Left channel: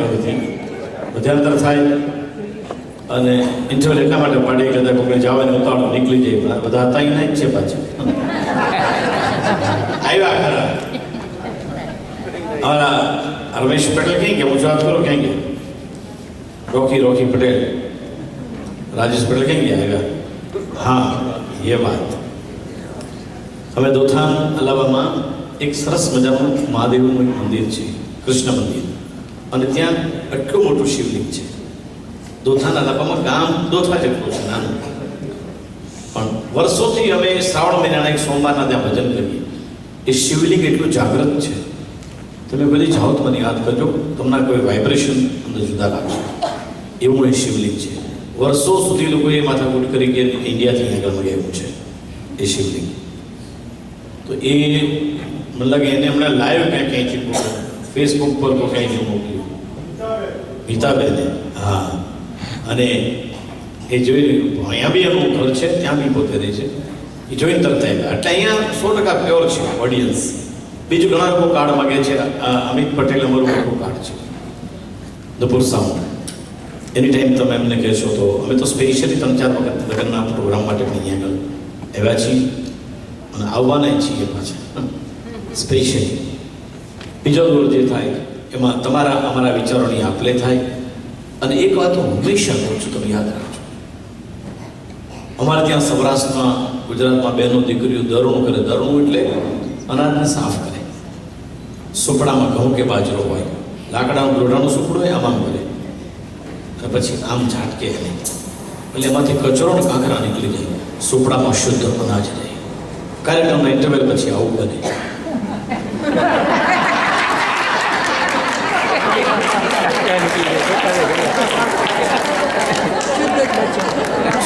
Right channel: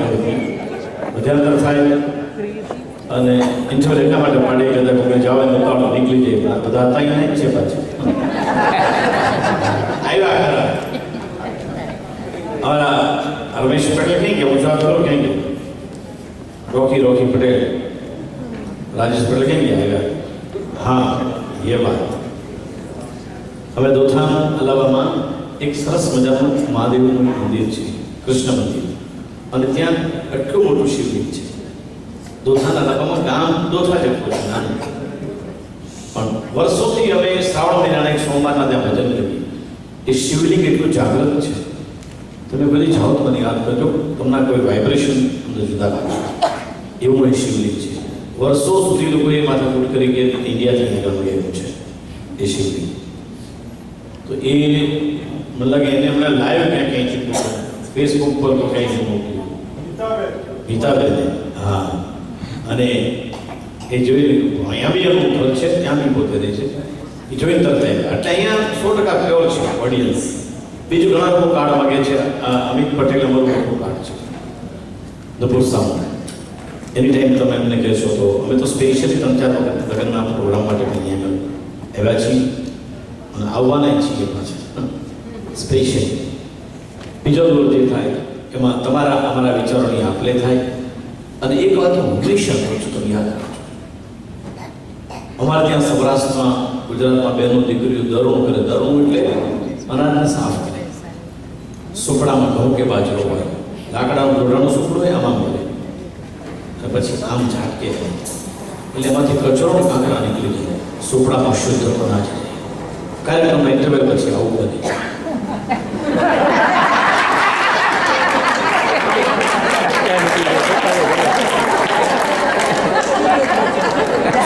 કરી હતી. મધ્યાંતર થાય અને ઇન્ટરવલ એટલા માટે પાડે કદાચ કોઈ જવાની ઉતાવળ નીકળી જાય, બધા હતા નહીં છે પાછા આવ્યા ખરા. हमारा रमेश पटेल कहेंगे, मुझे आप करो कहेंगे, रॉकी पटेल, राजेश पटेल कहेंगे आएगा. हाँ ये बात. हमें दोथान अलावा एक सरस मजाનું મહાદેવનું મંદિર છે, કૃષ્ણ મંદિર, અને ત્યાં આટલું મોટું શિવલિંગ છે. દોથાના અલાવામાં ગામ દોથા જેટલું છે નાનું, પણ વર્ષોથી અમે શ્રાવણ મહિનાના એક સોમવારના ત્યાં ભજન કરીએ. એ શિવલિંગ એટલું જાગૃત છે, તમે બધી જાઓ તો મને યાદ કરજો, તમને કોઈ વાઇબ્રેશન અંદર જુદા લાગશે. એવું એ શિવલિંગ છે. વર્ષો સુધી લોકોએ માથાકૂટ કરી કે ઇન્ડિયાથી આગળ મંગાવ્યું છે એ શિવલિંગ. તો એ મને લાગે એને હમણાં લાઈવ ક્યાંય ફેસબુક પર તો ક્યાંય મોકલ્યું ગીતાબેને. હા, અને એ જોઈ અહીંયા બી એનું ઘર છે, ત્યાં બી પોતે રહે છે. એ જોઈને તરત આવ્યા. એટલે અહીંયા 100% પ્યોર છે ઓડિયન્સ. બીજું ઘણા લોકો કાર્ડ માગે છે. અમિત પટેલ અમારું મોટું કાર્ડ છે દપુર સાઉન્ડ. એની ટાઈમ તમે એમને કહેશો તો અમે તો સ્પેશિયલી 3-4 વખત લગ્નના પ્રોગ્રામ માટે અહીંયા આવ્યા છીએ અને આવવાના છીએ પાછા સ્પેશિયલી. બીજો દોર જે થાય એમાં તમારા અમારા વિચારોની આપલે થાય. અને એક વાત હું હંમેશા કહું છું, તમે યાદ રાખજો, અમારે ત્યાં સૌરાષ્ટ્રમાં ગુજરાતમાં બહેનો દીકરીઓ દરણું કરે. દરણું એટલે અનાજને સાફ કરે. સુપડામાં ઘઉં કે બાજરો હોય, લાકડાનું દોરડાનું સુપડું હોય, આમ કરે અને પછી આમ ઝાટકે એટલે એમાંથી કચરો ને કાંકરા નીકળી જાય. સુપડામાં શુદ્ધ અનાજ રહે. કાર્યક્રમના ઇન્ટરવેલ પછી આવું બને.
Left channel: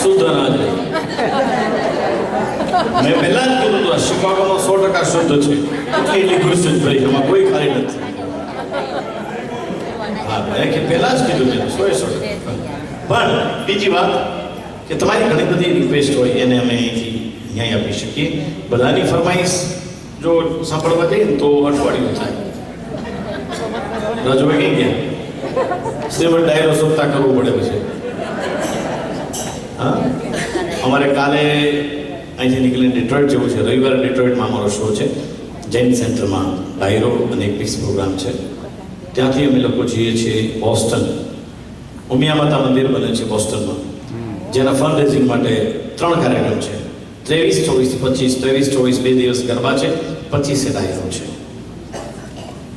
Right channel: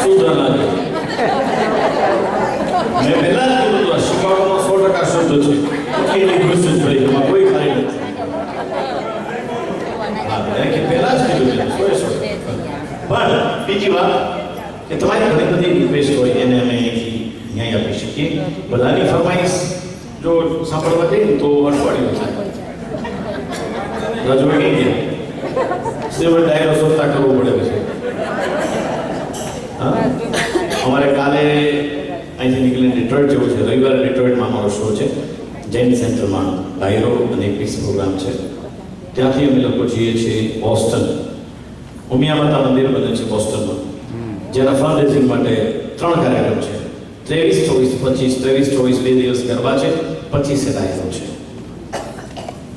શુદ્ધ અનાજ. મેં પહેલા જ કીધું હતું, શિકાગોમાં 100% શુદ્ધ છે. એટલી ખુશ જ ભાઈ, એમાં કોઈ ખાલી નથી. હા, મેં પહેલા જ કીધું છે 100%. પણ બીજી વાત કે તમારી ઘણી બધી રિક્વેસ્ટ હોય એને અમે અહીંથી ન્યાય આપી શકીએ. બધાની ફરમાઈશ જો સાંભળવા જઈએ તો અઠવાડિયું થાય. રાજુભાઈ કઈ ગયા શ્રીમદ ડાયરો શોધતા કરવું પડે પછી. હા, અમારે કાલે અહીંથી નીકળીને ડિટ્રોઇટ જેવું છે. રવિવારે ડિટ્રોઇટમાં અમારો શો છે, જૈન સેન્ટરમાં ડાયરો અને એક પીસ પ્રોગ્રામ છે. ત્યાંથી અમે લોકો જઈએ છીએ બોસ્ટન. ઉમિયા માતા મંદિર બને છે બોસ્ટનમાં, જેના ફંડ રેઝિંગ માટે 3 કાર્યક્રમ છે. 23, 24, 25. 23, 24 2 દિવસ ગરબા છે, 25 ડાયરો છે.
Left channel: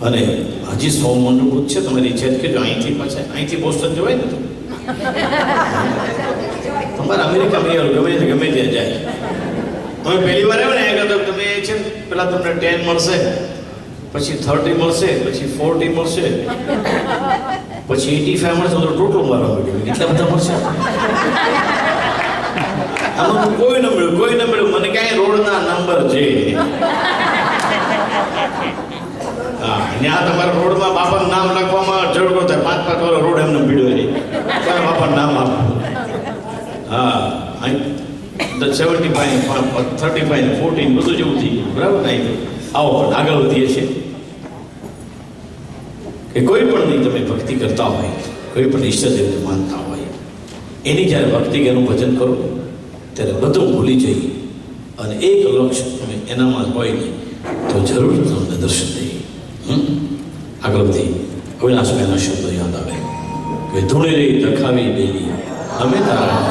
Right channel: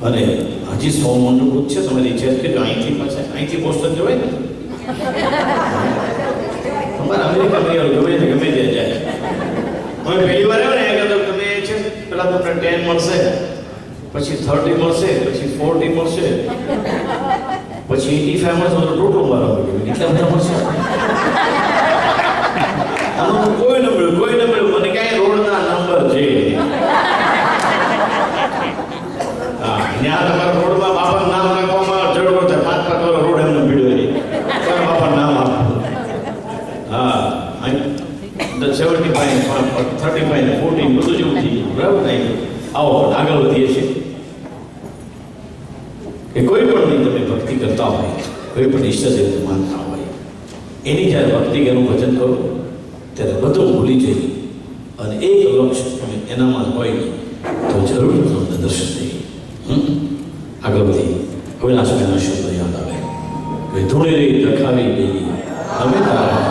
અને હજી 100 મંડપ છે. તમારી ઈચ્છા છે કે અહીંથી બોસ્ટન જવાય ને, તમારે અમેરિકા ગમે ત્યાં જાય. તમે પહેલી વાર આવ્યો ને આગળ તમે છે પેલા તમને 10 મળશે, પછી 30 મળશે, પછી 40 મળશે, પછી 85 મળશે. તો ટોટલ મારા હોય એટલા બધા મળશે. આમાં કોઈ ન મળ્યું. મને ક્યાંય રોડના નંબર છે. હા, ત્યાં તમારા રોડમાં બાપાનું નામ લખવામાં જરૂર થાય. 5-5 વર્ષ રોડ એમને ભીડો નહીં, બાપાનું નામ આપવું. હા, 75, 35, 14 બધું જેવું થઈ ગયું. બરાબર નહીં? આવો આગળ વધીએ છીએ કે કોઈ પણ નહીં તમે ભક્તિ કરતા હોય, કોઈ પણ ઈષ્ટદેવને માનતા હોય, એની જ્યારે ભક્તિ એનું ભજન કરો ત્યારે બધું ભૂલી જઈ અને એક લક્ષ્ય તમે એનામાં હોય નહીં તો જરૂર તમને દર્શન દઈએ. આગળ વધી અવિનાશભાઈના શબ્દો યાદ આવે કે ધૂળે રહી દખાવી દેવી અમે તારા.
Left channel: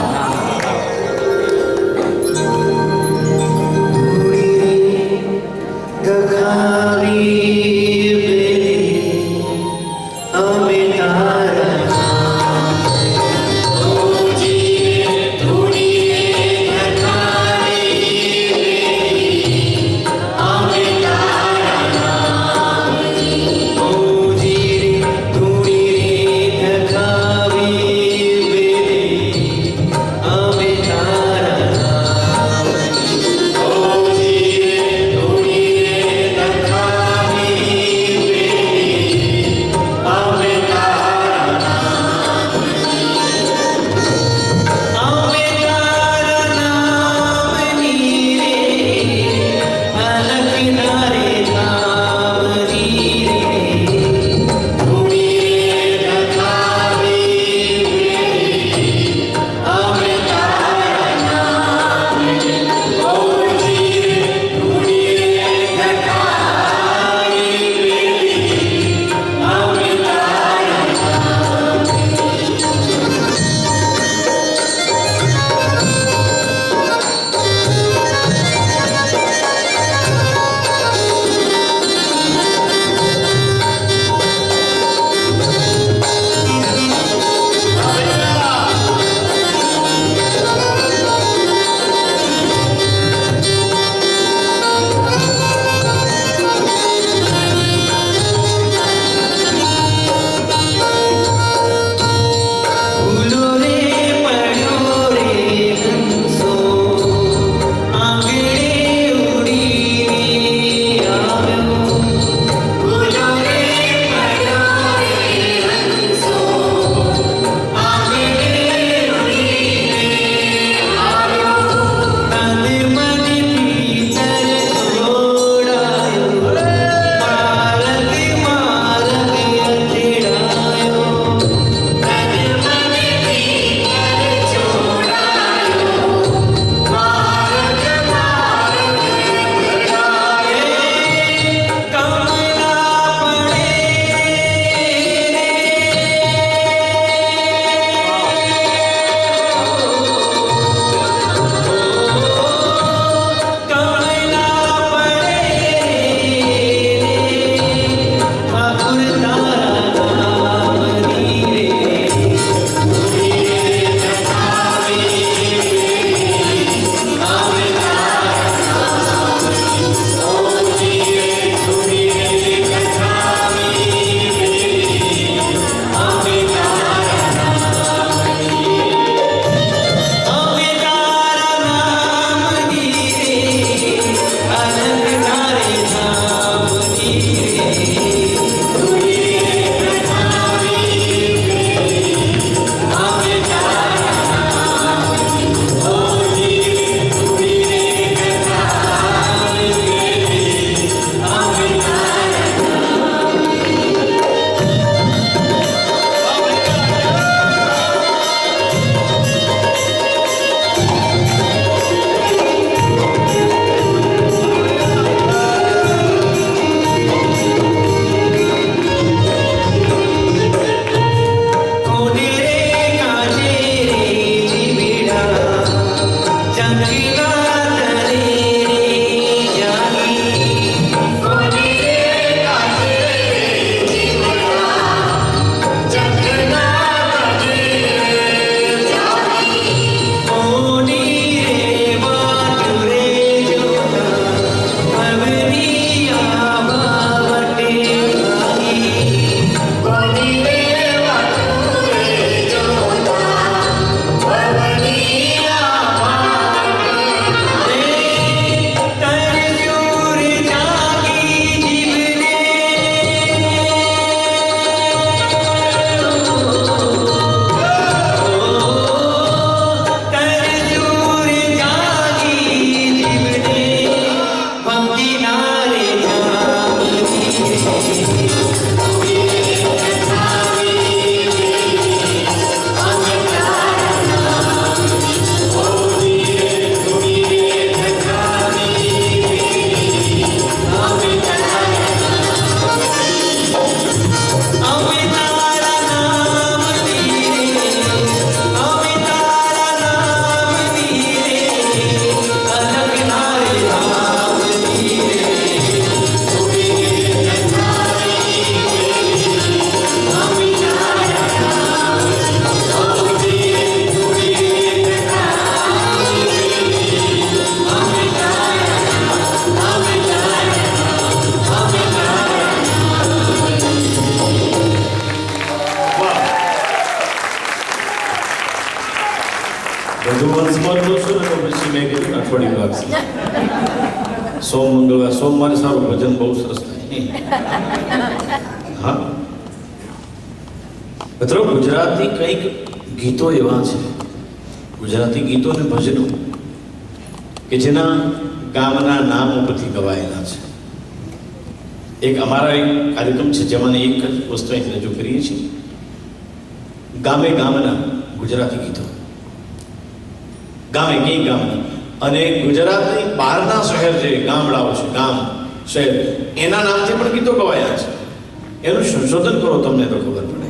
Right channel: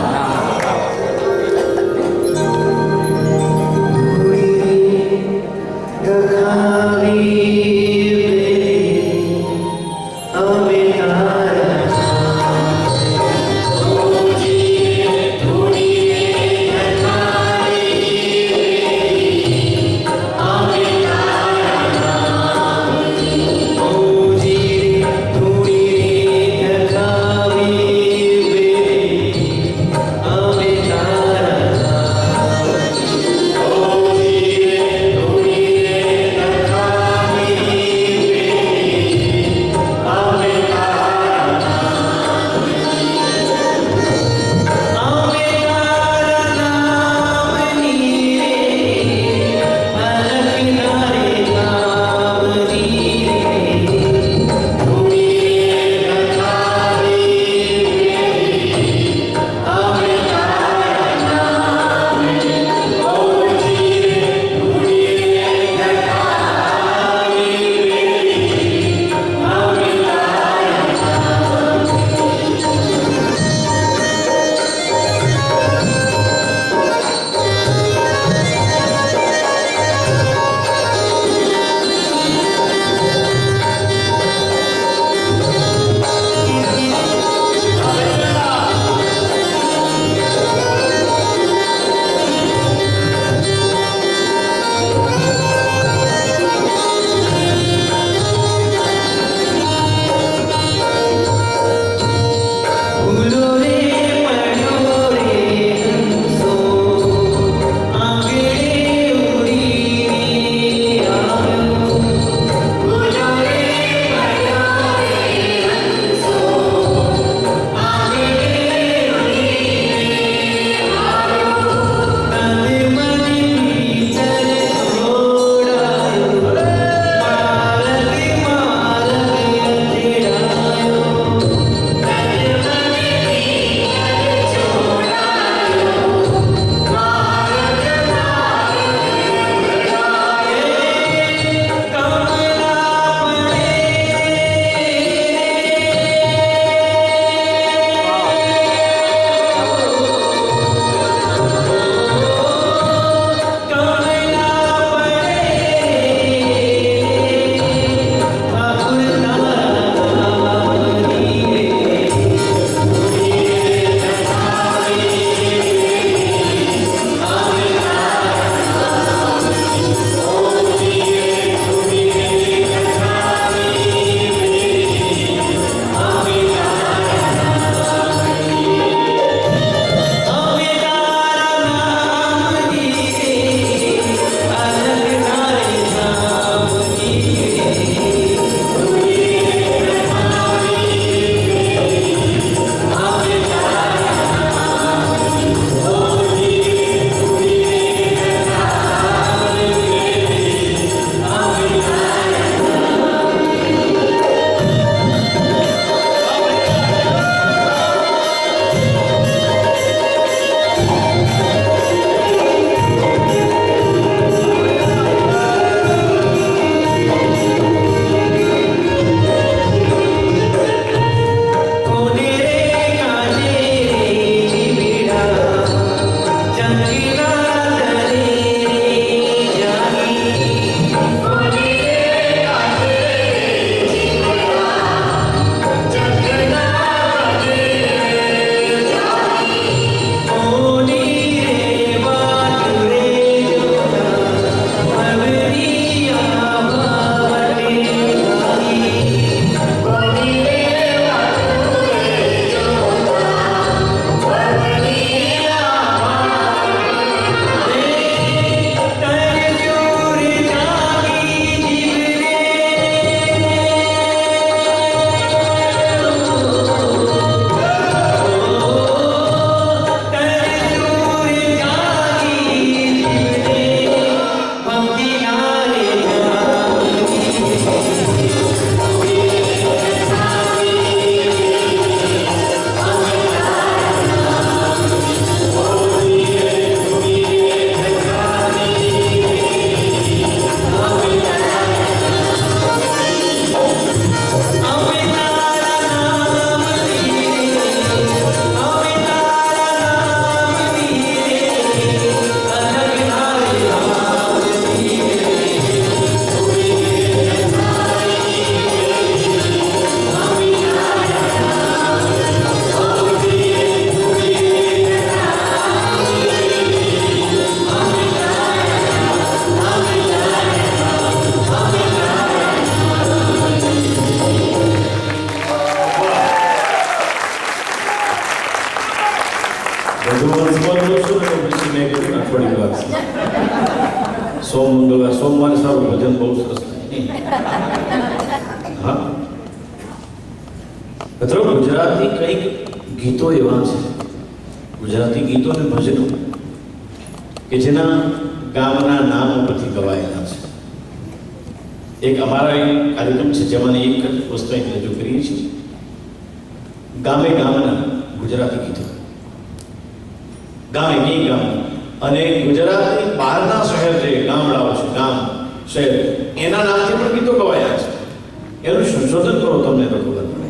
વંશમાં જોઉં છું ને તો પછી મેં કીધું અઠવાડિયું લાગશે. સોમવારે સારું ભજન બહુ સરસ થાય. હા મિત્રો, ગુજરાતી કંઈક ગીતો એવા છે, ગુજરાતી ગીતો અને ભજનો કે જેના ગામના નામ ઉપરથી ગવાયેલા છે. એક અમારા એક કાર્યક્રમ છે જેમાં એક જ વસ્તુ અહીં રજૂ કરીએ છીએ, ગામે ગામના ગુજરાતી ગીતો, ગામે કઈ ગામના, અને ગુજરાતની બહારના શહેર જે ગામડાઓ છે, ગામ શહેર, એના નામથી પણ ગીતો ગવાયા છે. એનું સંશોધન કરો તમને તો ખબર પડે.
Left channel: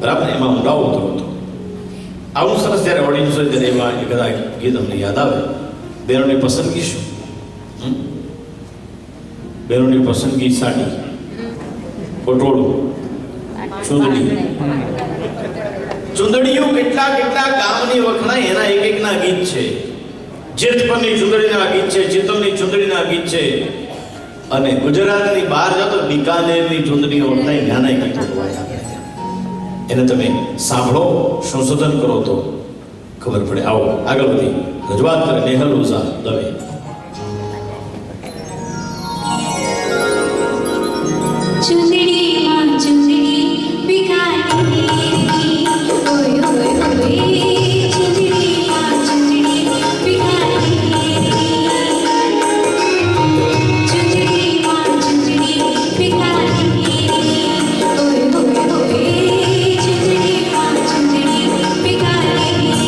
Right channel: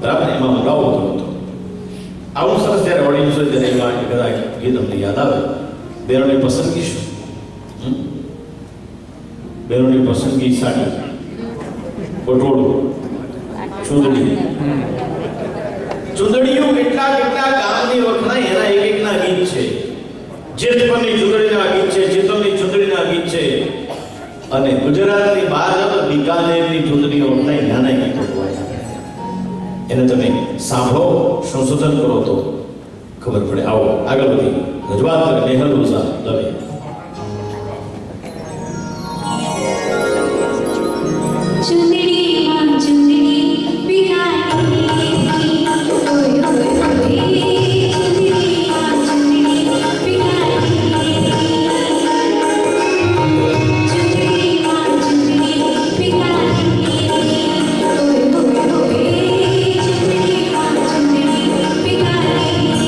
બરાબર, એમાં ઊંડાવો હતો. આવું સરસ જ્યારે ઓડિયન્સ હોય ત્યારે એમાં કદાચ ગીત અમને યાદ આવે. બહેનોની પસંદગી શું? બહેનોની પસંદગી સાડી, પટોળું, ચૂંદડીયું કેટલા કેટલા ગામની વખણાય એના એક એકના ગીત છે. જેતપરની ચૂંદડીના ગીત છે, ચેતનની ચૂંદડીના ગીત છે, અને ગુજરાતની બહાર જાઓ તો બિકાનેરની ચૂંદડીઓ વખણાય નાના ગીતો ગવાયા. એને તમે સાંભળો, સંશોધન કરો તો ખબર પડે. આવો આગળ વધી રજૂઆત કરે નેહલ ઓઝા દવે. ચુંદડીમાં ચુંદડી બિકાનેરની, ઓય ઓય ઓય, ચુંદડીમાં ચુંદડી બિકાનેરની, ચુંદડીમાં ચુંદડી બિકાનેરની, ઓય ઓય ઓય, ચુંદડીમાં ચુંદડી બિકાનેરની.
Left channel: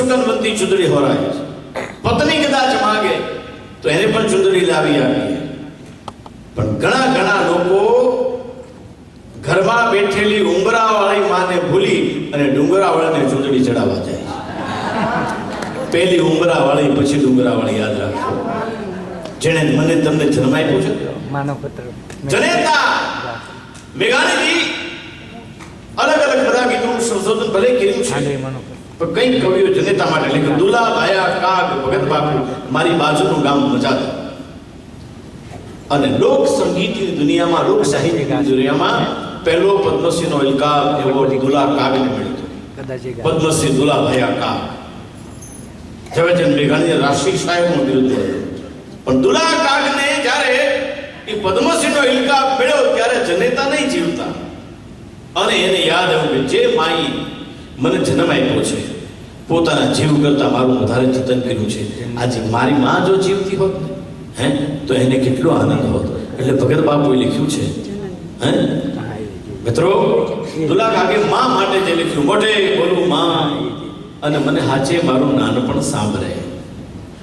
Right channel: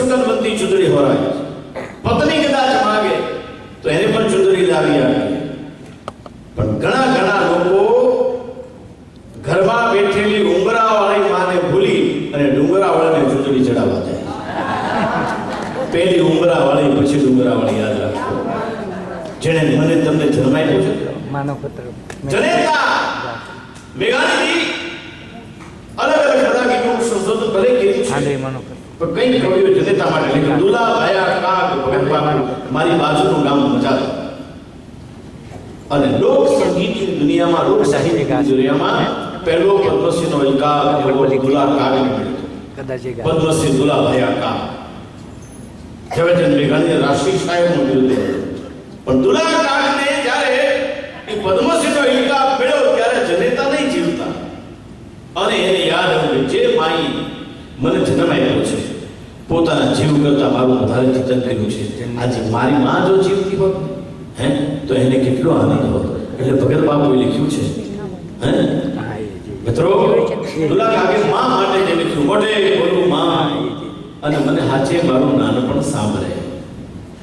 સુગંધવંતી ચૂંદડી હોરાય છે. પત્ની કદાચ માંગે તો એને પણ ચૂંદડી લાવી આપીએ. પણ ઘણા ઘણા લોકો ઘરમાં બેઠેલી ઉંબરાવાળી માને ભૂલી અને ડુંગરાવાળાને ચૂંદડી ચડાવવા જાય. પહેલી ઉંબરાવાળી પછી ડુંગરાવાળી યાદ રાખો. જેણે મને તમને જન્મ આપ્યો છે માનવપત્ર જનેતા મેઘાણીજી અલગ અલગ બધા ગીતોનું સંશોધન ભલે કર્યું છે. પણ કઈ કવિઓ જનેતા માટે લખ્યું, દુલા ભાયા કાગ ભગત બાપુ મારી બાજુનું ગામ મજા. અને લોક સંગીતની દુનિયામાં, લોક સાહિત્યની દુનિયામાં પહેલો પદ્મશ્રીનો ઇલકાબ એવો દુલા કાગને મળ્યો. પદ્મશ્રી દુલા ભાયા કાગ. ઝવેરચંદ મેઘાણીએ રાષ્ટ્રીય શાયરનું બિરુદ દીધું. પણ દુલા કાગને જ્યારે એ પદ્મશ્રીનો ઇલકાબ મળ્યો ત્યારે જનેતા નહીં જીવતા. અને એને યાદ આવ્યું કે જે માઈ મને જન્મ આપ્યો છે, પોતાના જીવ કરતા મારું વધારે જતન કર્યું છે, આજે મારી માં જો જીવતી હોત તો એને કેટલો આનંદ હોત. એટલે ભગત બાપુએ લખ્યું છે, મિત્રો, દુલા કાગે માં માટે જે લખ્યું, મોઢે બોલું માં અને મને હાચે મારું નાનપણ સાંભળે.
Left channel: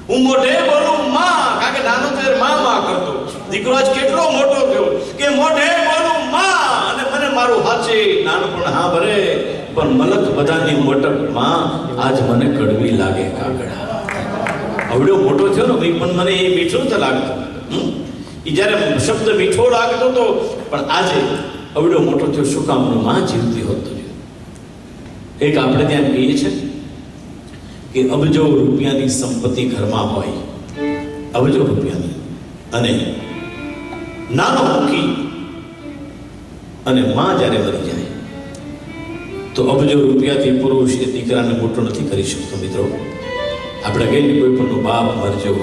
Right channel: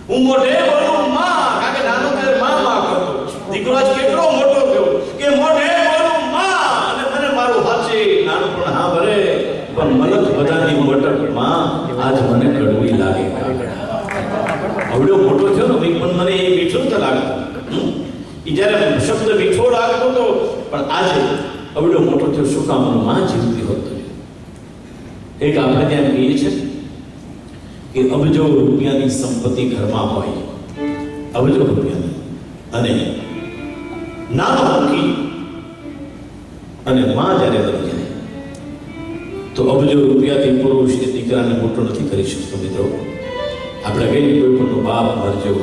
હું મોઢે બોલું માં, કારણ કે નાનો ત્યારે માં કરતો. દીકરો આજ કેટલો મોટો થયો કે મોઢે બોલું માં અને મને મારું હાચે નાનપણ સાંભળે. પણ મલક બધાની મોટક માં આજ મને કડવી લાગે કાગડા. અવડો મોટો થયો ને પણ મને એ મીઠું તો લાગતું. એ જ્યારે શબ્દ મીઠો લાગતો હતો, પણ આજે અવડો મોટો થયો શું કામ માં જીવતી હોતો. એક આપણે ત્યાં કહીએ છીએ કે અબજો રૂપિયાની સંપત્તિ ઘરમાં હોય, અબજો રૂપિયાની, અને નાનો મૂકી અને માં જ્યારે મરી જાય તો અબજો રૂપિયાથી પુરુષ એ દીકરાને મોટો નથી કરી શકતો. મિત્રો, આપણે કહીએ કોઈ પણ બાપ મરજો,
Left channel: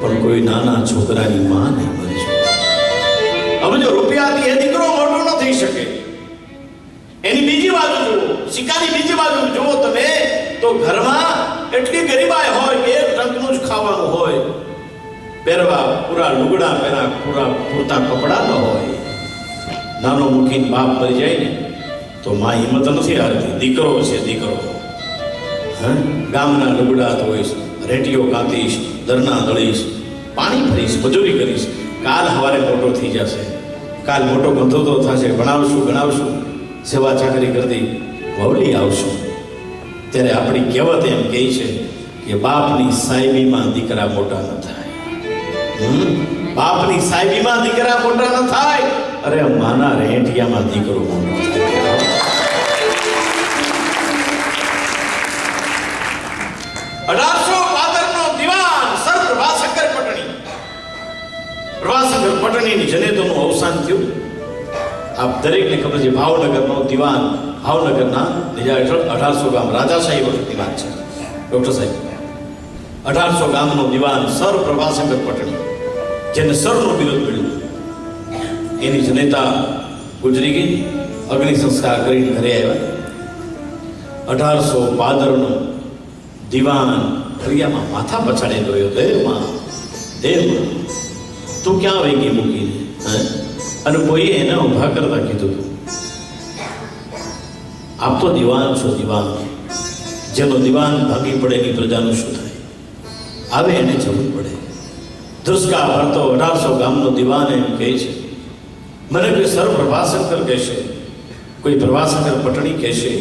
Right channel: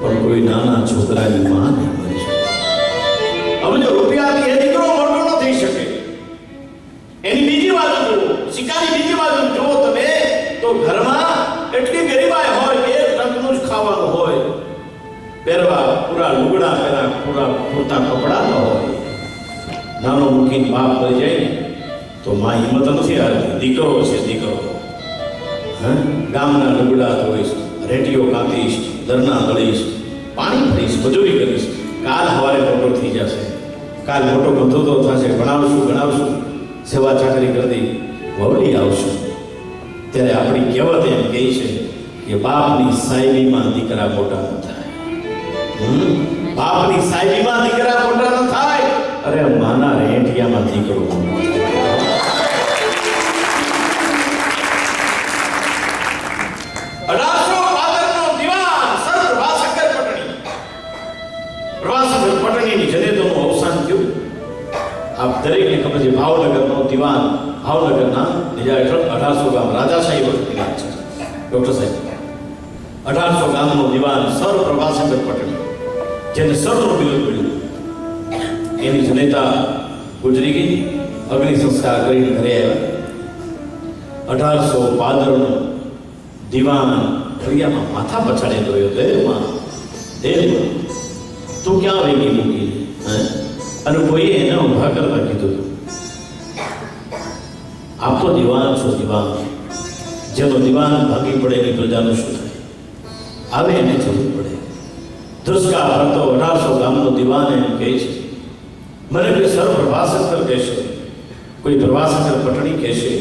પણ કોઈ નાના છોકરાની માં નહીં મરજો. અબજો રૂપિયાથી એ દીકરો મોટો ન થઈ શકે. એની બીજી બાજુ જુઓ, સિક્કાની બીજી બાજુ જુઓ તમે, તો ઘરમાં એટલી ગરીબાઈ હોય કે એક ટંકનું જ ખાવાનું હોય, પહેરવા પૂરા લુગડા પહેરા, પૂરતા કપડા ન હોય. નાનો મૂકીને બાપ મરી જાય ને તો માં હિંમત નથી હારતી. દીકરો છે, દીકરો ગામના લુગડા ધોઈશ, રેટીઓ કાંતીશ, દરના દળીશ, પાણી ભરીશ, મજૂરી કરીશ, કાલ સવારે મોટો થઈ જશે, કાલ મોટો ગંધોતો થશે, ભણાવશું, સેવા ચાકરી કરતી વવલી આવશું. ત્યારે આપણી કહેવત એમ કહે છે કે બાપની સાહેબીમાં દીકરા મોટા ન થાય. બાપની સાહેબીમાં દીકરા મોટા ન થાય, અરે માના રેંટિયામાં દીકરો મોટો થાય. 1812 નો દિવાન સર પ્રભાશંકર પટણીની જનેતોનું અવસાન થયું. આપ દરેકને ખબર છે, ભાવનગરનો દિવાન, ભાવનગરના બીજા હેઠળ 1800 ગામ રાજાશાહી વખતની વાત છે. ડોક્ટર સાહેબ, 1800 ગામનો દિવાન સર પ્રભાશંકર પટણી, જેને સરનું બિરુદ મળ્યું, એની જનેતા ગુજરી ગઈ. અગ્નિ સંસ્કાર કરીને ઘરે આવ્યા. 1812 નો દિવાન ફરિયામાં માથા પછાડે ગયો, દેવમાં તું ક્યાં વહી ગઈ મૂકીને? અને કોઈએ એને ઉભા કરતા કીધું, આપ તો દિવાન છો, દિવાન. જેનો દિવાન ભાગી પડે એની પ્રજાનું શું થાય? આવે એને જવું પડે. ધ્રુસકા ભરતો 1800 ગામનો દિવાન એમ કહે છે, મને કોઈ સર પ્રભાશંકર કહેશે, કોઈ પ્રભાશંકર પટણી કહેશે,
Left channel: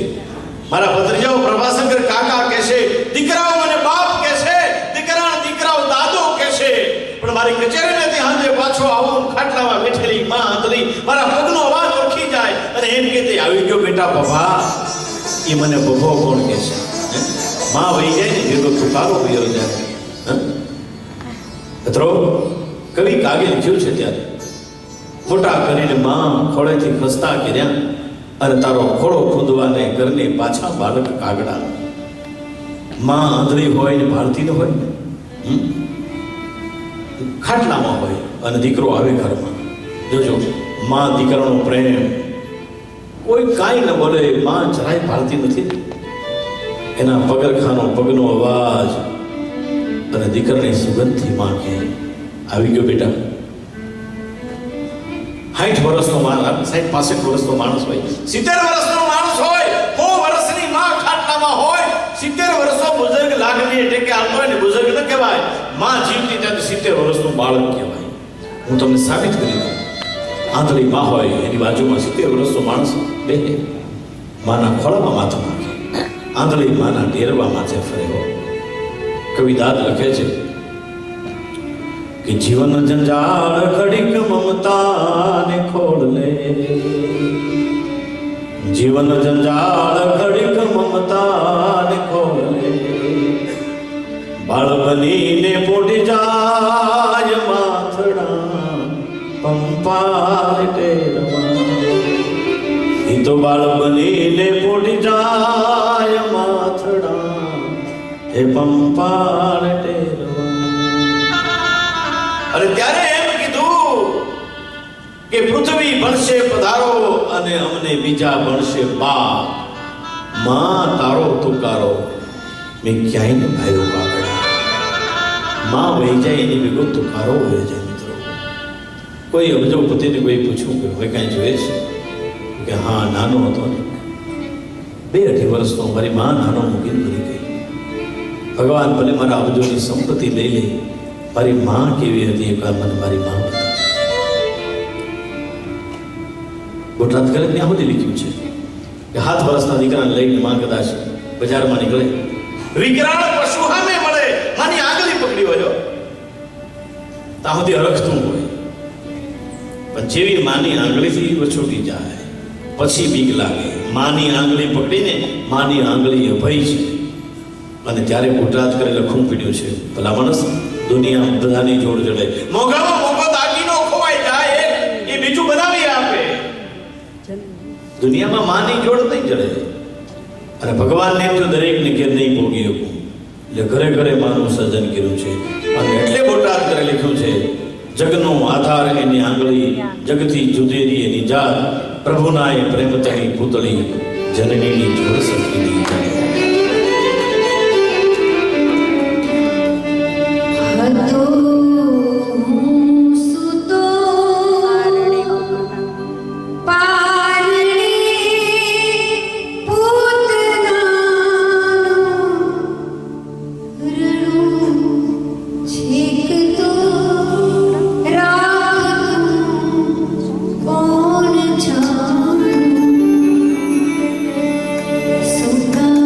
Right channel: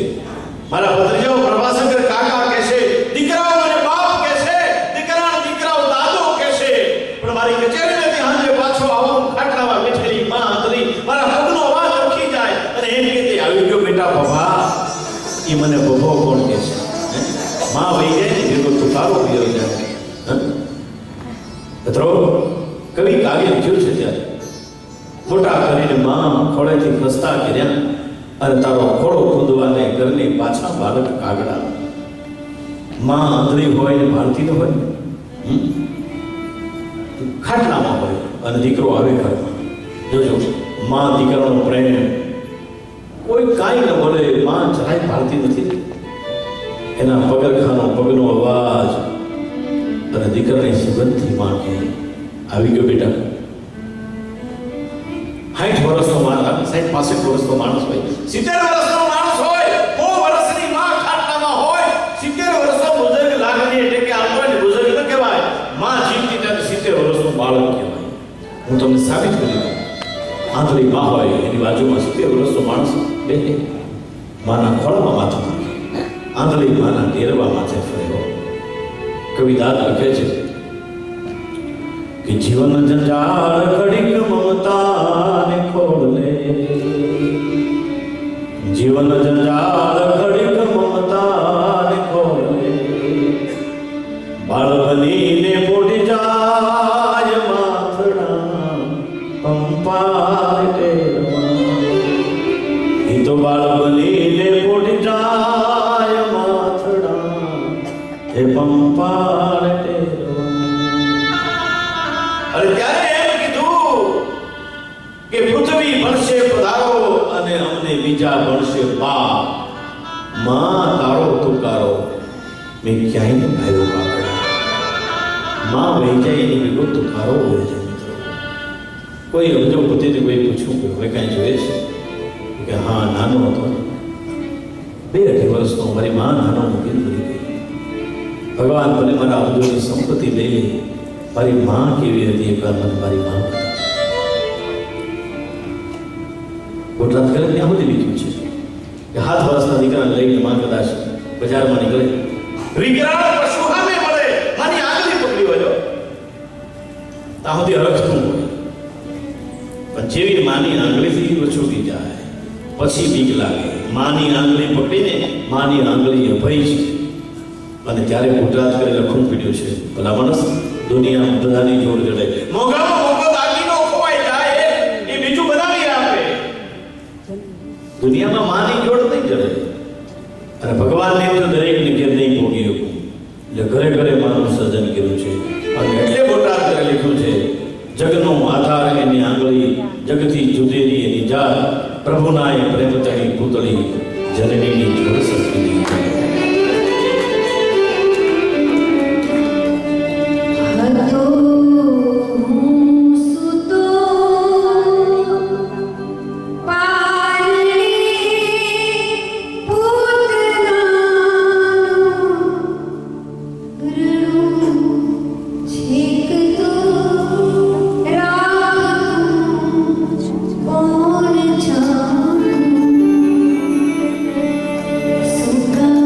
મારા ભત્રીજાઓ પ્રભાશંકર કાકા કહેશે, દીકરાઓ મને બાપ કહેશે, દીકરાઓ દાદો કહેશે, પણ મારી કચેરીમાંથી હાંજે પાછો આવું ખાટલામાં બેઠેલી માં આંતરી મારા પગનો અવાજ ઓળખી જાય અને એમ કે તે આવી ગયો બેટા બભા. એ મને બભો કોણ કહેશે? માં વહી જાય ને એનો તુકારો વયો જાય. મિત્રો, કવિ કાગે લખ્યું છે ત્યારે, મોટા કરીને માં ખોળેથી ખસતા કર્યા અને તારો ખોળો ખુદવાને ઘરને પાછા બાળક કાગડા. માં આંધળી હોય ને ભારતી ન હોય, ખાટલામાં હોય અને દીકરો આવે ઘરમાં. જોજો, માં દીકરાનો પ્રેમ, કોઈ કાંઈ ન બોલે, માં જરાય ભારતી નથી. એના પગરખાનો પગનો અવાજ અને દીકરાની સુગંધથી માં કે આવી ગયો બેટા. 60 વર્ષનો માણસ, 60-65 વર્ષનો માણસ હોય, 70 વર્ષનો માણસ હોય, 100 વર્ષની માં ખાટલામાં હોય, 70 વર્ષનો બુઝુર્ગ લાગણી એટલે કે આપણને બુઝુર્ગ ન કહેવાય, માં જીવતી ત્યારે 70 વર્ષનું બાળક કહેવાય. હું તમને સાબિત કરી દઉં, આંધળી માં હોય એની બાજુમાં 70 વર્ષનો માણસ બેસે, માના ખોળામાં માથું નાખે, આંધળી માના ડેરવા માથે ફરે હોય. કવિ દાદ લખે છે કે જીવન જંજાળ ઘડીક મમતાને ખોડલે, જીવન જંજાળ ઘડીક મમતાને ખોડલે, હે પંપાળ ટેરવા. અને ત્યારે એમ કીધું કે પૃથ્વી બનશે પધારો અને અમને બીજા બનશે બાપ. માં તારો તુકારો મેં ક્યાંય ન ભાયો બાગડા. માં વહી જાય એની ભેગો તુકારો વહી જાય. મિત્રો કોઈ અબજો પતિને કોઈ પૂછ્યું કે હવે કાંઈ જોઈએ છે કે હા નાનો હતો ને 2-2.5 વર્ષનો મારી માં નાનો મૂકીને મરી ગઈ. ભગવાન ભલે મારા અબજોની સંપત્તિ લઈ લે, મારી માં કેવી હતી એ કાર મને મારી માં બતા. ગુજરાત કરે ત્યાં સુધી લીધું છે કે 7 વર્ષના દીકરાને લઈને માં કદાચ બજારમાં નીકળે, વિકરાળ પશુ સામે મળે, માની આગલી પકડી વળ્યો ત્યાં સુધી રખતું હોય, પણ જેવી માની આંગળીથી વછોટી જાય પછી બીક લાગે. માની આંગળી પકડીને માની આંગળી અભય છે. અને ત્યારે ગુજરાત કરે લખવું પીડ્યું છે, ભલા માણસ દુનિયા બધાની જોડ જડે, મોંઘામાં મોંઘો દાગીનો ખોવાઈ જાય એ બીજું બનાવી આપે. દુનિયામાં માની જોડ નહીં જડે. અને ભગવાનને તો દરેકને ઘેર નહીં ભોગી શકું, એટલે ઘરે ઘરે માનું સર્જન કર્યું છે. અને એટલે બોટાદ કરે લખ્યું છે, જગનો આધાર એની આંગળી, જગથી જુદેરી એની જાત, પ્રભુના એ પ્રેમ તણી પૂતળી, જનનીની જોડ સખીની જડ. હતો સુતો પારણે પૂતનાનું રણું છેકતો રાખતું કોણ જાણે. સુકા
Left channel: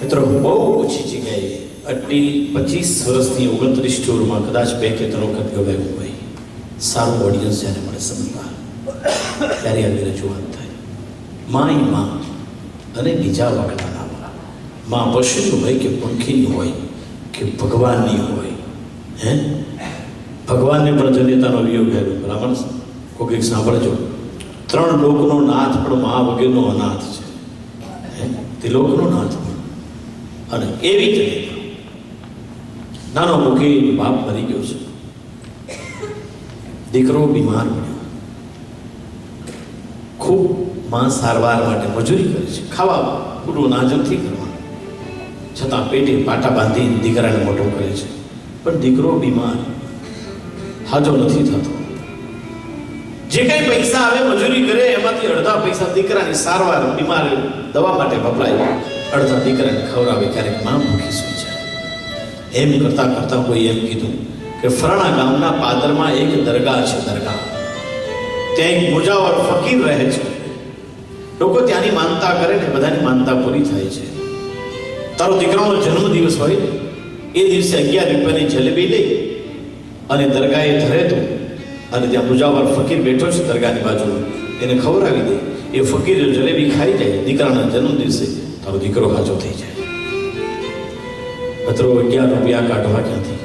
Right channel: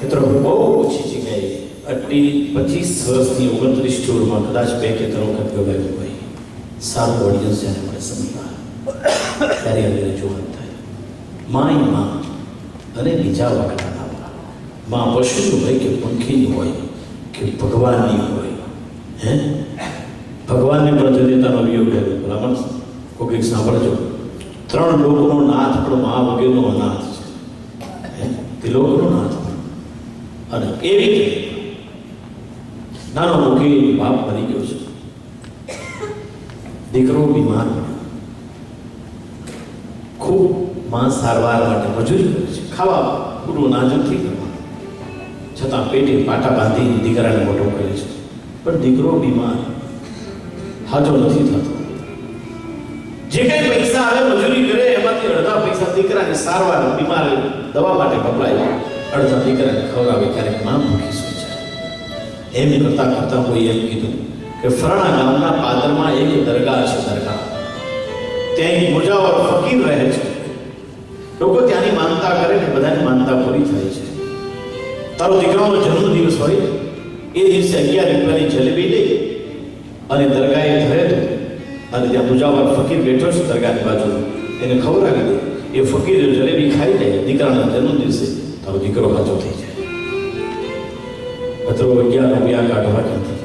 મિત્રો બહુ ઓછી જગ્યાએ આટલી 25 વર્ષથી 29 ટૂરમાં કદાચ 2 કે 3 વખત ગવાયું હોય. સારું ઓડિયન્સ જ્યારે મળે સમજવા ત્યારે આવી રજૂઆત થાય. માય માં અને બીજા વખતના માં પશુની હોય કે પંખીની હોય કે ભગવાનની હોય, હે ભગવાનને પણ જનેતાનો વિયોગ કર્યો. બ્રાહ્મણ કોઈક સાંભળજો, 3 લોકનો નાથ પણ મા વગેરેનો અનાથ છે. તે લોકનો નાથ અને એવી રીતે નાનો મુખી બાપ મરી ગયો છે, દીકરો બીમાર પડ્યો, ખૂબ માં સારવાર માટે મજૂરી કરે છે, ખાવા પૂરું નાજ નથી કરવાનું, છતાં પેટે પાટા બાંધી દીકરાને મોટો કરે છે. પણ દીકરો બીમાર હાજો નથી થતો. જે કઈ પૈસા આવે મજૂરી કરે એમાંથી અડધા પૈસા દીકરાની સારવાર બીમાર દવા માટે વપરાય, અડધા દીકરાને ખવડાવે. ક્યારેક માં ભૂખી સૂઈ જાય. એમ કરતા કરતા કોઈ એમ કીધું કે ફરાણા ગામના પાદરમાં એક દરગાહ છે. દરગાહ ત્યાં એક મુજાવર ફકીર રહે છે. લોકો ત્યાંની માનતા કરે ને બધાની માનતા પૂરી થાય છે. તારો દીકરાનો જન્મદિવસ હોય એ દિવસે 11 રૂપિયાની જલેબી લઈ અને દરગાહે ધરે તો, અને ત્યાં મુજાવર ફકીર બેઠો છે દરગાહની બાજુ, એને ખવડાવી દે. એ ફકીર જલેબી ખાઈ જાય, દીકરાના જન્મ દિવસે તારો દીકરો હાજો થઈ જાય. મિત્રો 11 રૂપિયા કાઢવા ક્યાંથી?